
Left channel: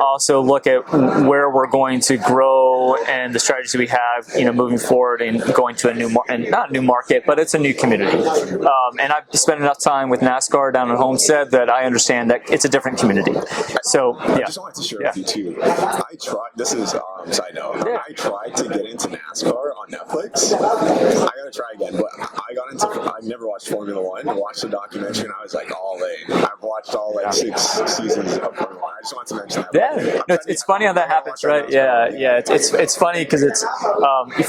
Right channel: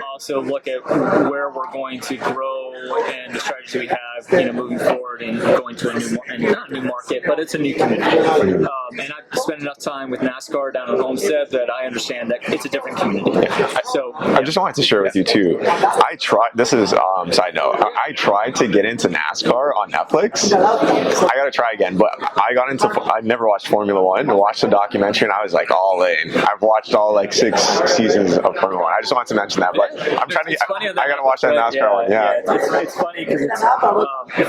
also look at where we're going to grow grow and the strategies we have, moving forward and going to a new not a new market, but it's a new community. And I've spent enough time with NASCAR down in Homestead that I understand that it's a different community. So I just wanted to share with you too. I tried. This is side note. I tried to get into NASCAR on Netflix. I got to try again, but I never watched Formula One. I watched the documentary and I was like all in. I've watched all 6 seasons of Formula One. I just wanted to mention that. But It's funny on that. I gotta watch that NASCAR one. Yeah. It's funny because it's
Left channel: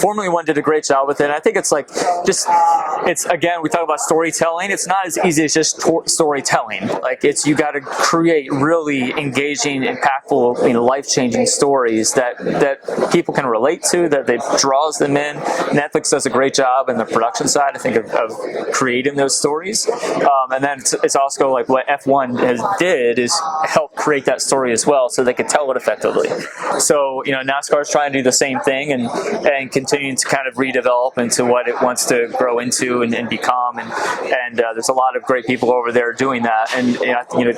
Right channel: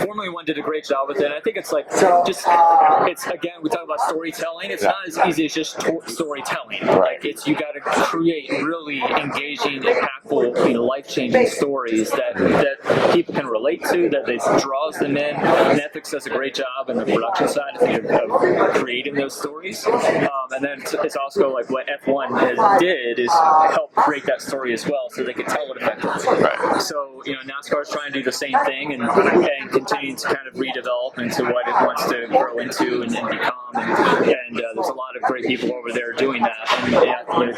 Formula One did a great job with it. And I think it's it's again, we talk about storytelling. It's not as easy as just storytelling. Right. Like you got to create really engaging, impactful, life-changing stories that people can relate to, that draws them in. Netflix does a great job in the production side, I think, of creating those stories. And then it's also like what F1 did is help create that story as well, so they could tell it effectively. Right. So NASCAR is trying to do the same thing and continuing to kind of redevelop into what it wants to grow into and become. And there's a lot of great people over there doing that. And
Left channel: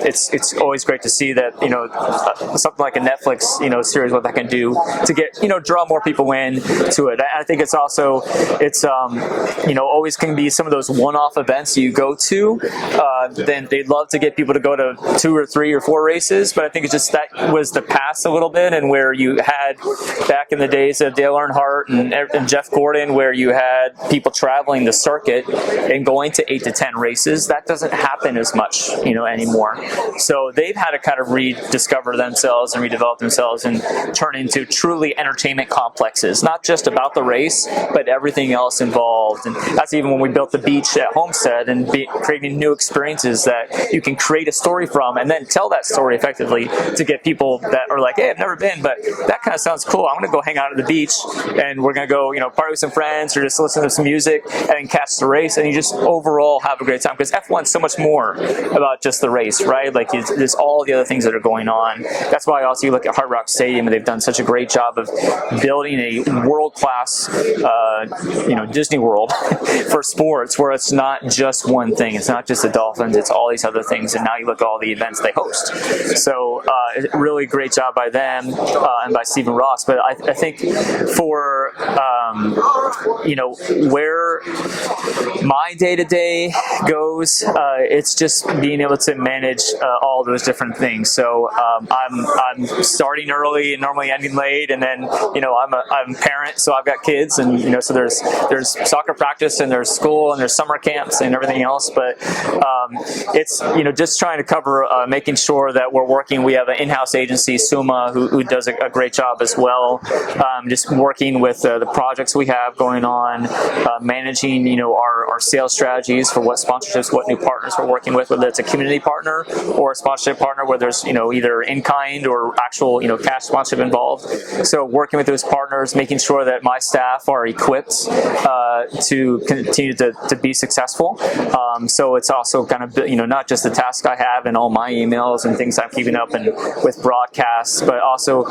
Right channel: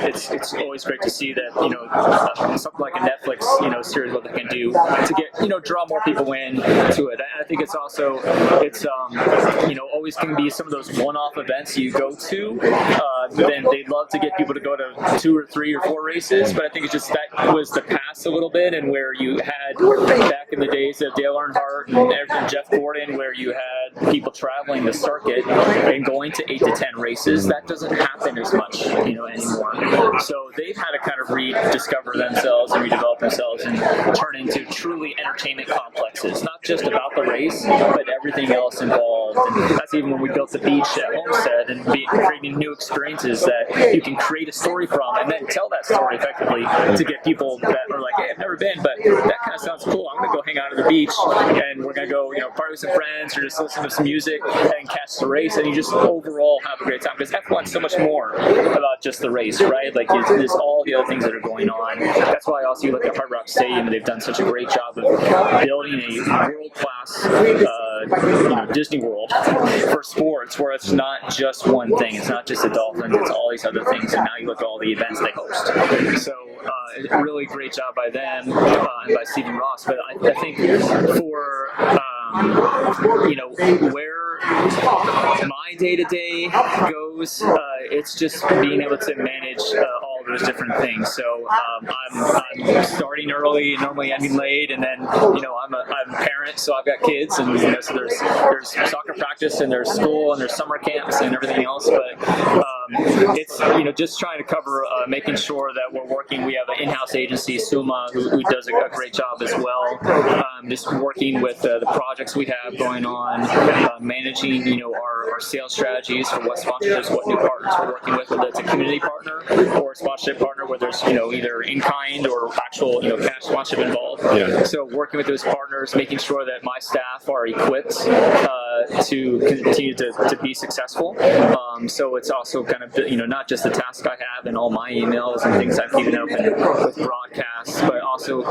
it's always great to see that something like a Netflix series, what that can do to get draw more people in to it. I think it's also always can be some of those one-off events you go to. Then they'd love to get people to go to 2 or 3 or 4 races, but I think it's just that was the past a little bit, and where you had back in the days of Dale Earnhardt and Jeff Gordon, where you had people traveling the circuit and going to 8 to 10 races. That doesn't happen as much anymore. So they've had to kind of rediscover themselves and redevelop themselves and turn into truly entertainment complexes, not just about the race, but everything else involved. And that's even when we built the beach at Homestead and creating new experiences that you can create a story from and then tell that story effectively to get people that are like, hey, I've never been, but that kind of sounds cool. I'm going to go hang out at the beach and we're going to go, party with some friends or just listen to some music and catch the race, and you just overall have a great time, because F1 is so much more about just the race, right? Like there's all the other things that are going on. That's why also you look at Hard Rock Stadium, and they've done such a great job of building a world-class Disney World for sports, where it's not just one thing. It's not just the Dolphins, it's all these other things, and now you look at all the events they host. So really great job by them and by Stephen Ross. But I think for where my day-to-day goes, it's just being able to manage all those different things. So I'm starting early, normally ending late, and then I'm a parent, so I've got kids, and so there's soccer practice and there's school and there's summer camps and everything else. But it's just trying to cover making sure that we're working. We have an in-house agency, Suma, who does a great job as well. Just working with the projects we have going on, managing our sales strategies for what sponsorships, what new partners we're working with, whether it's a community partner or a sponsorship partner where there's either in kind or actual cash sponsorship involved. Yeah. So working with those partners, making sure that my staff are equipped to continue to be successful. So it's also kind of not just the task I have and all my emails and things I'm keeping up and with broadcasts, but also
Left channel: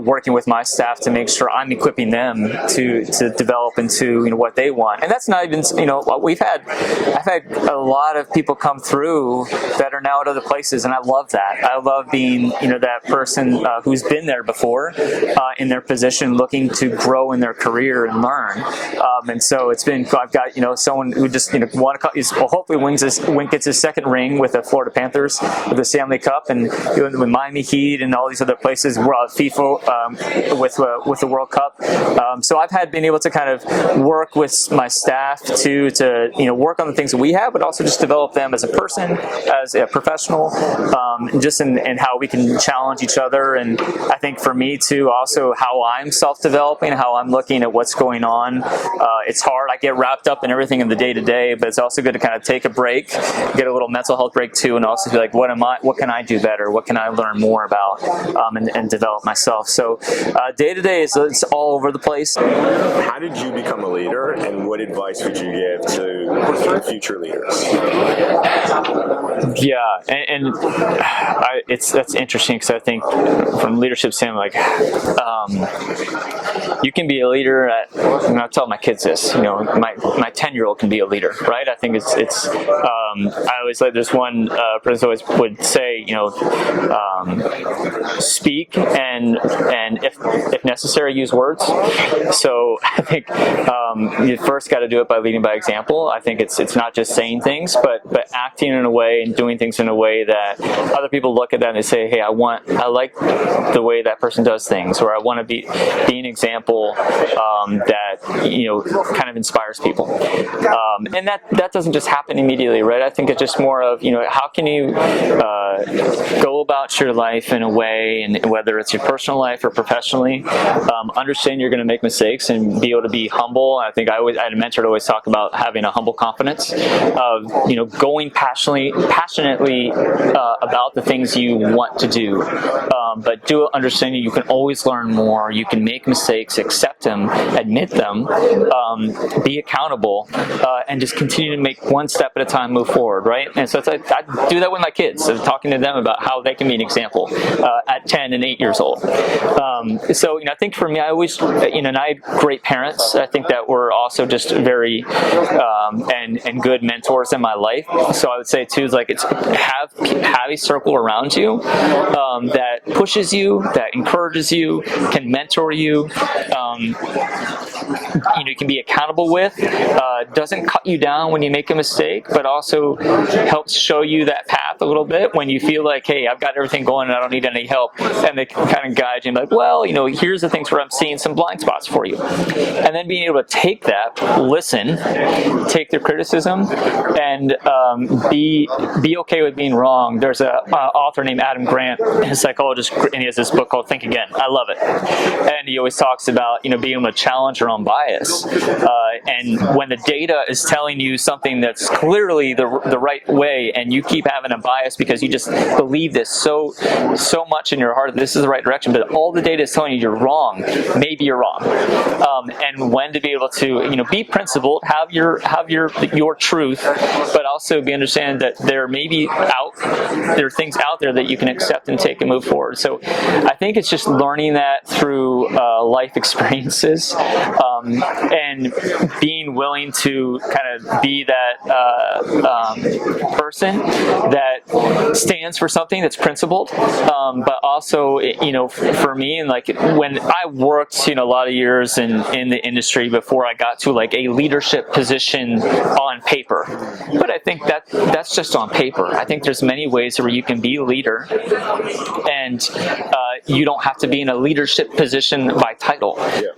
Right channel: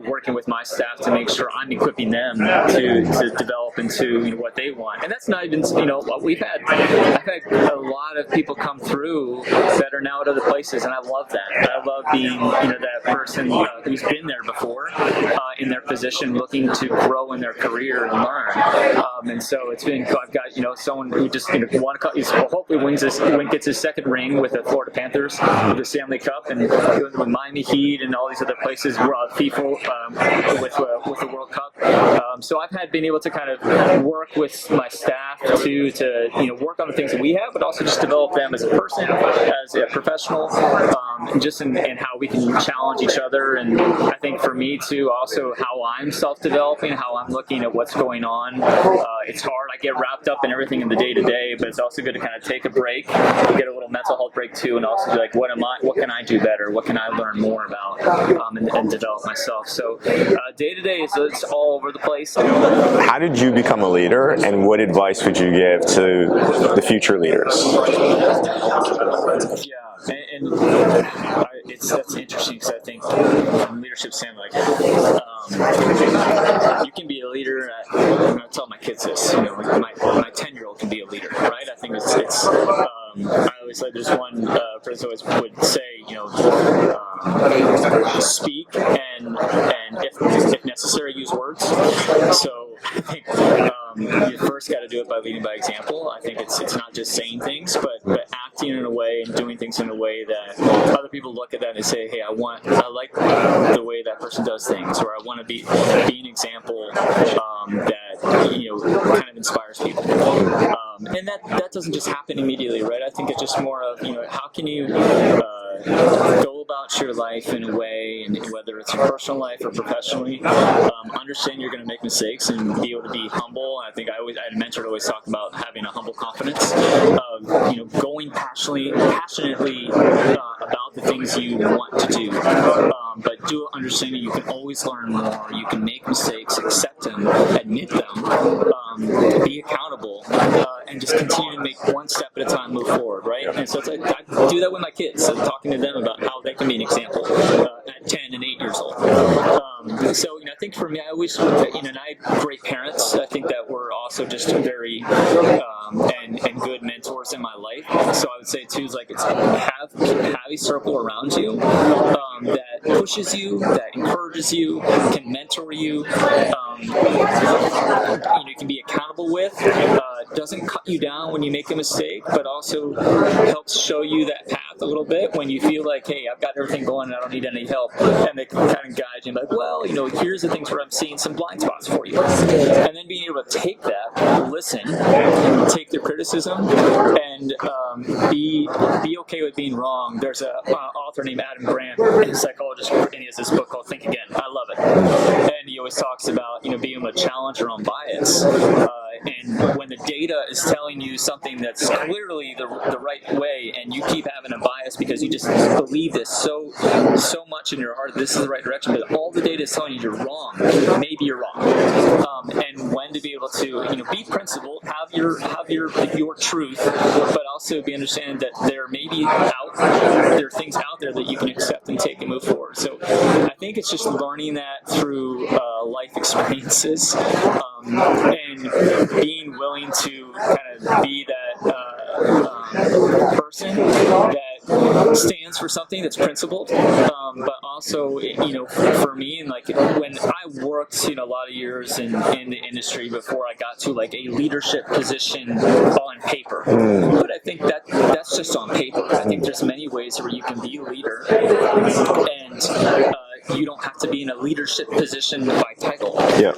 working with my staff to make sure I'm equipping them to develop into what they want. And that's not even I've had a lot of people come through that are now at other places, and I love that. I love being that person who's been there before in their position, looking to grow in their career and learn. And so it's been, I've got someone who just hopefully gets his second ring with the Florida Panthers with the Stanley Cup, and with Miami Heat and all these other places, FIFA with the World Cup. So I've been able to kind of work with my staff to work on the things that we have, but also just develop them as a person, as a professional, just in how we can challenge each other. And I think for me too, also how I'm self-developing, how I'm looking at what's going on. It's hard. I get wrapped up in everything in the day-to-day, but it's also good to kind of take a break, get a little mental health break too, and also be like, what can I do better? What can I learn more about and develop myself? So day-to-day, it's all over the place. How did you become a leader, and what advice would you give to the future leaders? Yeah, and that's interesting, because I think from leadership standpoint, you can be a leader at, and I tell my kids this, you know, my 10-year-old can be a leader, right? I think it's I always like this one person always would say, you know, speak and if necessary, use words. So I think you first got to do it by leading by example. I think it's not just saying things, but acting in a way and doing things in a way that other people look at that and they say, hey, I like the way that person does things, or I want to be an example that, you know, kind of inspires people. And that doesn't just happen immediately, right? I think it's just more of, you know, how can you go about your life in a way, and whether it's your personal life or professionally, understand you're going to make mistakes and be able to be humble. I think I had a mentor to always talk about having a humble confidence of, you know, going passionately about the things you want to do, but do understanding you can always learn more. You can make mistakes, accept them, admit them, be accountable, and just continue to make one step at a time, move forward, right? And so I do that with my kids, so talking to them about how they can be an example at 10 and 8 years old. So, you know, I think for me, I always, you know, and I had great parents. I think that were also just very and good mentors in my life. So I would say too is like it's have a circle around you that pushes you, that encourages you, can mentor you. You know, you can be accountable with. Doesn't cut you down when you make a mistake, but also helps show you that path a little bit when you feel like, hey, I've got everything going and I don't need any help. And they can kind of guide you and be like, well, you know, here's the things where I'm seeing some blind spots for you. And then being able to take that, listen, take their criticism, and be okay with being wrong. There's an author named Adam Grant, a psychologist, and he has this book called Think Again. I love it. And he always talks about, you know, being able to challenge your own bias. And when the data is telling you something that's clearly the right way, and you keep having a bias because you just believe this so much in your heart that this is the right direction, but all the data is telling you you're wrong, maybe you're wrong. And when to be able to, you know, be principled, have your truth, but also understand that there are things out there that you can accept and take and move forward. So I think it's just learning that through life experiences, and being willing to kind of be that person that stands for something that's principled, but also, you know, for me, and like when I worked, you know, a lot of years in the industry before I got to like a leadership position on paper. But I think that's just on paper. I think there's many ways where you can be a leader, and you don't have to be in a leadership position by title. Yeah.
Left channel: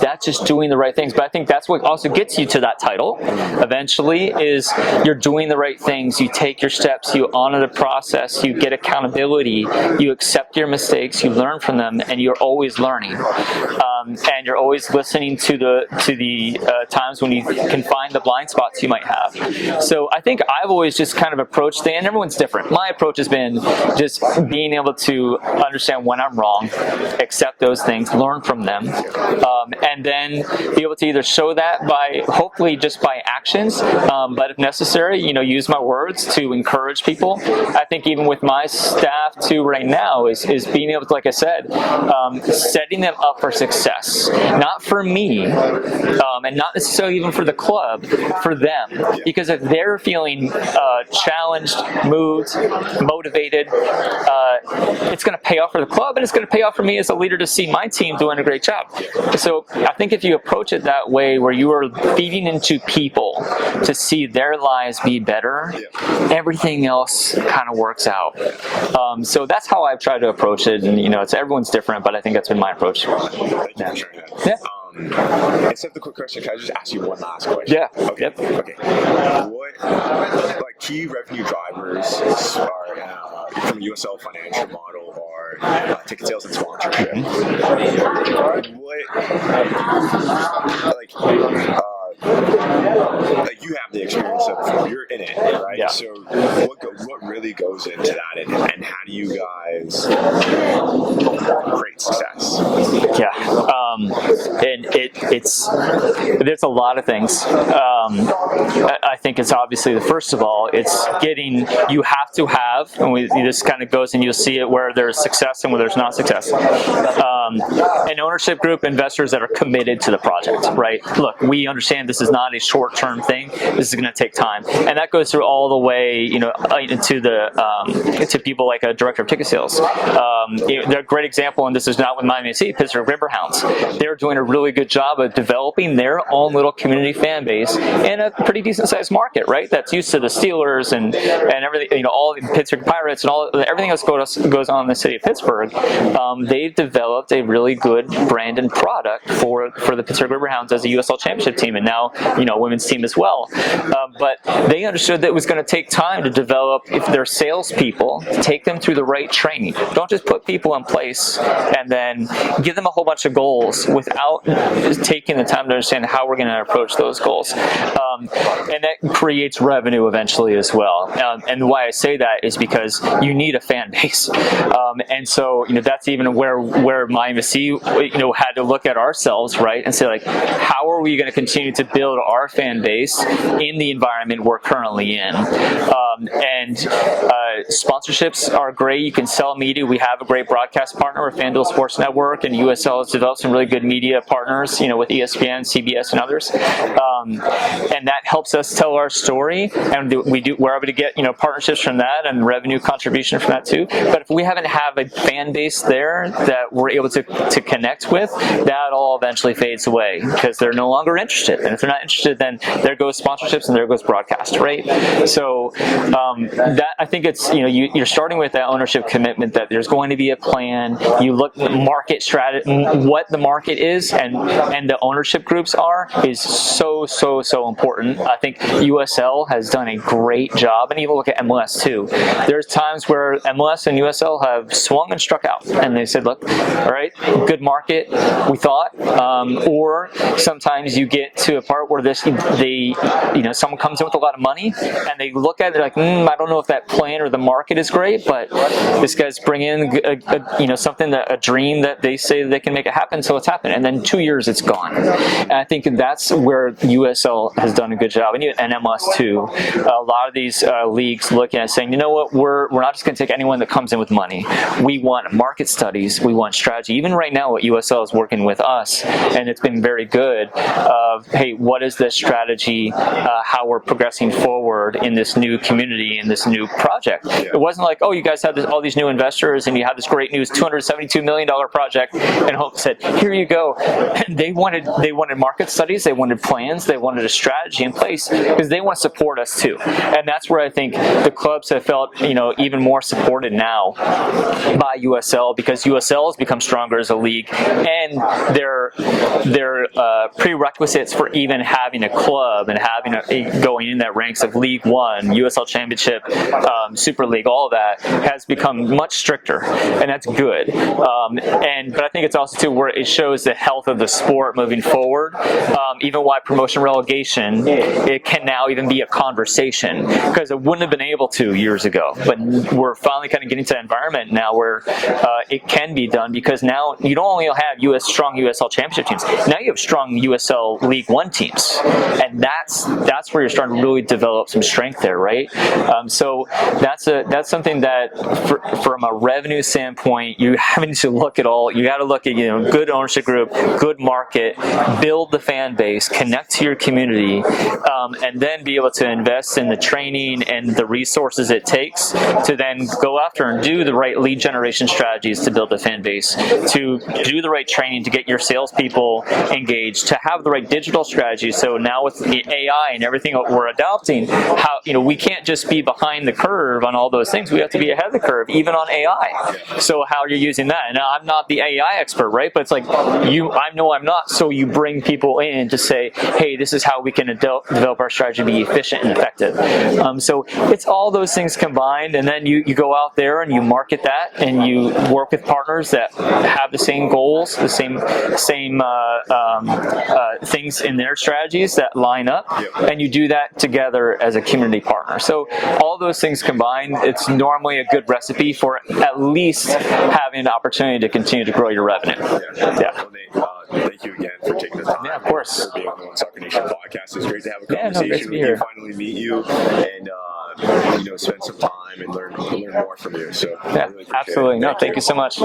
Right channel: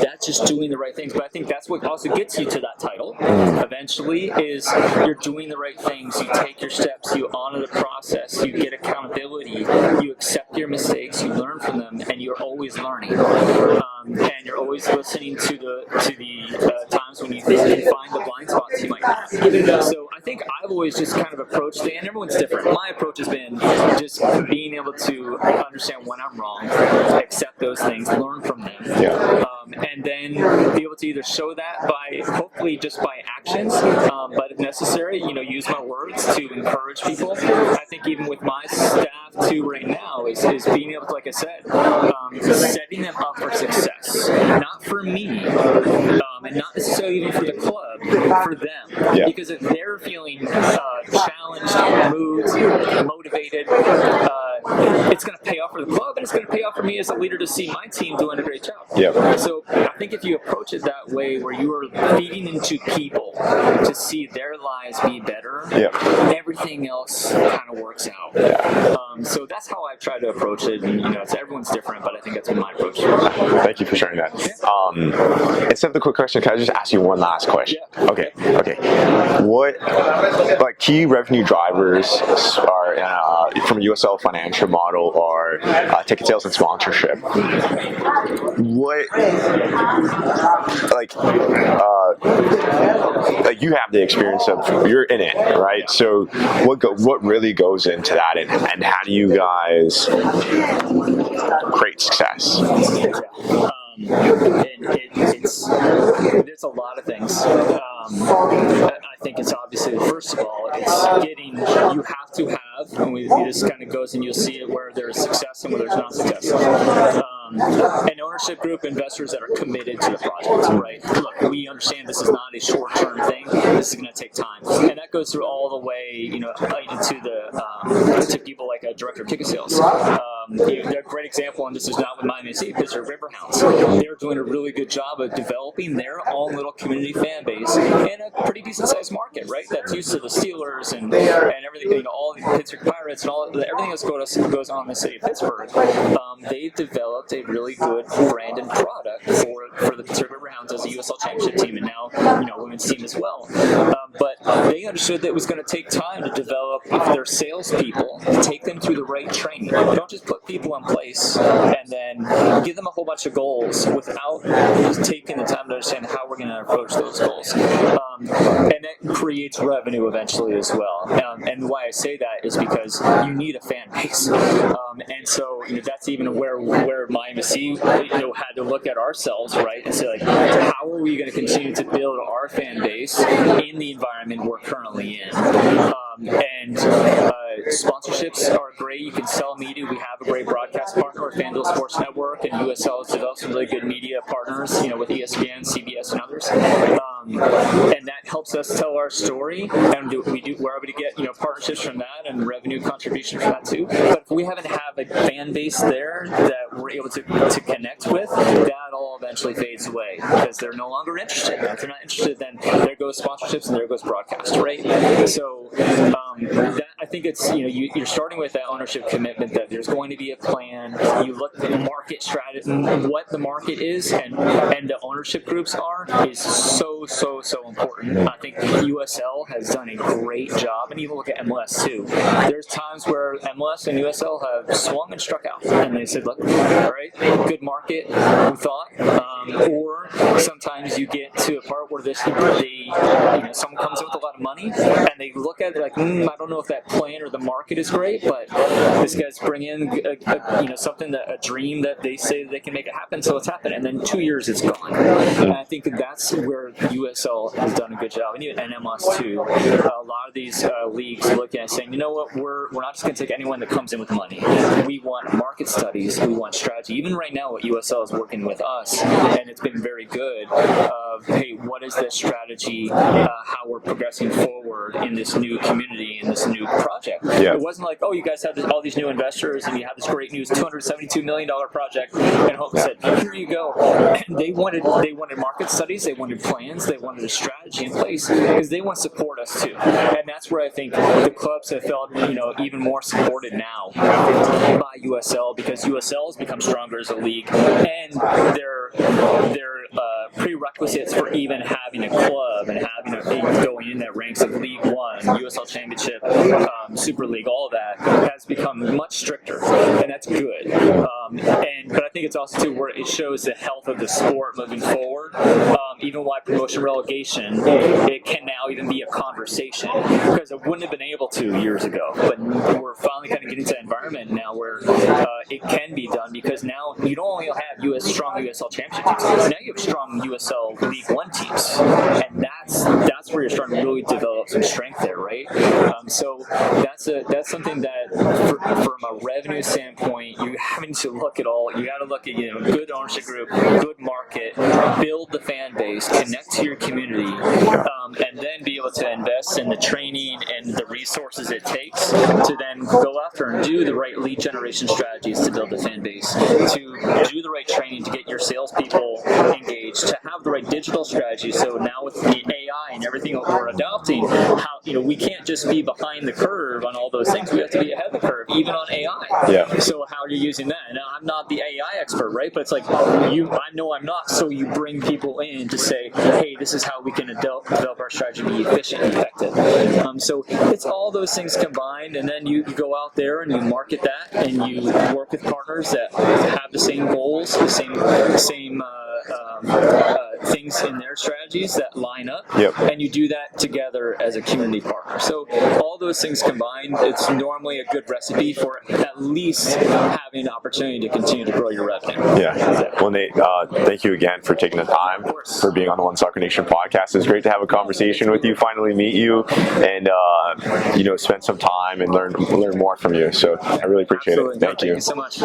That's just doing the right things. But I think that's what also gets you to that title eventually, is you're doing the right things, you take your steps, you honor the process, you get accountability, you accept your mistakes, you learn from them, and you're always learning. And you're always listening to the times when you can find the blind spots you might have. So I think I've always just kind of approached and everyone's different. My approach has been just being able to understand when I'm wrong, accept those things, learn from them, and then be able to either show that by, hopefully just by actions, but if necessary, you know, use my words to encourage people. I think even with my staff too right now is being able to, like I said, setting them up for success, not for me, and not necessarily even for the club, for them. Yeah. Because if they're feeling challenged, moved, motivated, it's going to pay off for the club, and it's going to pay off for me as a leader to see my team doing a great job. Yep. So I think if you approach it that way, where you are feeding into people to see their lives be better, everything else kind of works out. Yeah. So that's how I've tried to approach it, and you know, everyone's different, but I think that's been my approach. Thank you for sharing that. Yeah. Instead of the quick question, can I just ask you one last question? Yeah. Okay. Okay. What key revenue drivers are from USL financial model or ticket sales and sponsorship? What like, you have the experience of, you're in it, right? Yeah. So what really goes into that, and how do you guys create success? Yeah, and there's a lot of things. I think it's obviously, first of all, it's getting, you have to have, and this kind of goes, and you'll see it where there's success and where there's not success. An ownership group, investors that are committed to the project, right? Look, we understand this is not a short-term thing. This is going to take time, and that goes through all the way, into to people like a director of ticket sales. They're a great example, and this is not with Miami FC, Pittsburgh Riverhounds. They're doing a really good job of developing their own little community fan base in a pretty decent-sized market, right? That's used to the Steelers and everything, all the Pittsburgh Pirates and everything else goes on in the city of Pittsburgh. They've developed a really good brand and product for the Pittsburgh Riverhounds as a USL Championship team, and now women's team as well. But they understood that it was going to take time to develop their salespeople, take them through the right training. Don't just put people in place and then give them a whole bunch of goals without taking the time to understand how we're going to approach those goals. And that creates revenue eventually as well. And why I say that is because you need a fan base. And so, that's even where Miami FC, had to look at ourselves, right, and say, like, how are we going to continue to build our fan base in the environment we're currently in? Sponsorships are great. You can sell media. We have a great broadcast partner with FanDuel Sports Network, and USL has developed some really good media partners, with ESPN, CBS, and others. And that helps us tell our story, and we're able to get partnerships from that and revenue contribution from that too. But if we haven't have a fan base there that we're able to connect with, that all eventually fades away because they're no longer interested. And if they're not interested, then there goes sponsorships and there goes broadcast, right? So that, I think it's you're starting with that ownership commitment that there's going to be a plan. You look at market strategy, what the market is, and the ownership groups are is so important. I think USL has done a great job, and even look at MLS too. There's times where MLS and USL have swung and struck out, and they said, look, all right, good market, we thought, or sometimes you get to a part where someone comes in with a lot of money, and they look at it like, I don't know if that plan or the market is great, but this guy's bringing something, a dream that they say that they can make it happen, so it's happened, and then 2 years it's gone. And I think that's where USL has done a good job, and even MLS too. A lot of these leagues looking at saying, you know what, we're not just going to take anyone that comes in with money. We want market studies, we want strategy. Even right now, what USL is working with us, and it's been very good. Hey, what is the strategy? How we're progressing forward in this new community, in this new project. Yeah. It wasn't like, oh, you guys have all these new investors, and you have this great news, $272 million project, and Homestead, here you go. And they wanted market studies, they wanted plans, they wanted a strategy in place because they want to support us too. And that's where I think the clubs have felt, even more supported now by USL, because USL has become stronger as a league, and their prerequisites for even having a club and having going in that ranks of League One, USL Championship, Super League, all of that has become much stricter, and that's good. But I think it's also too where it shows the health of the sport moving forward. Even why promotion relegation, it can now even be a conversation, because it wouldn't have been able to years ago. But we're finally kind of getting to that environment now where it can be done, because now you don't only have strong USL Championship teams, now you have strong USL League One teams, and that's where you're starting to really develop some strength there, right? So that's something that from a revenue standpoint, you having to look at all. You got to look at good ownership group, good market, build the fan base, connect to your community, and then be able to invest in the training and the resources it takes to then go after and do the right lead generation strategies to build a fan base, to do the right training to get your salespeople engaged, to have the right digital strategy. So now with the AI and everything that we're adopting, how we can't just be behind the curve on all those things. We have to be ahead of the curve, even on AI. Yeah. So how are you using that? And now I'm not the AI expert, right? But it's like I know I'm not. So you bring people in to say, hey, this is how we can develop our strategy to be efficient and effective. So it's all those things combined, and then you go out there and you market that, and you work with partners that have the same goals, the same things things in their strategies that line up, and you do that together as a community partner. So all those things combined, it's normally a good recipe for at least having an opportunity to continue to grow your revenue. Yeah. Well, Nate, thank you again for taking the time. Of course. For being on the One Soccer Nation podcast. It's great to have a conversation with you, finally meet you, and spend some time and learn more from you. So I really appreciate it. Absolutely. Thank you so much.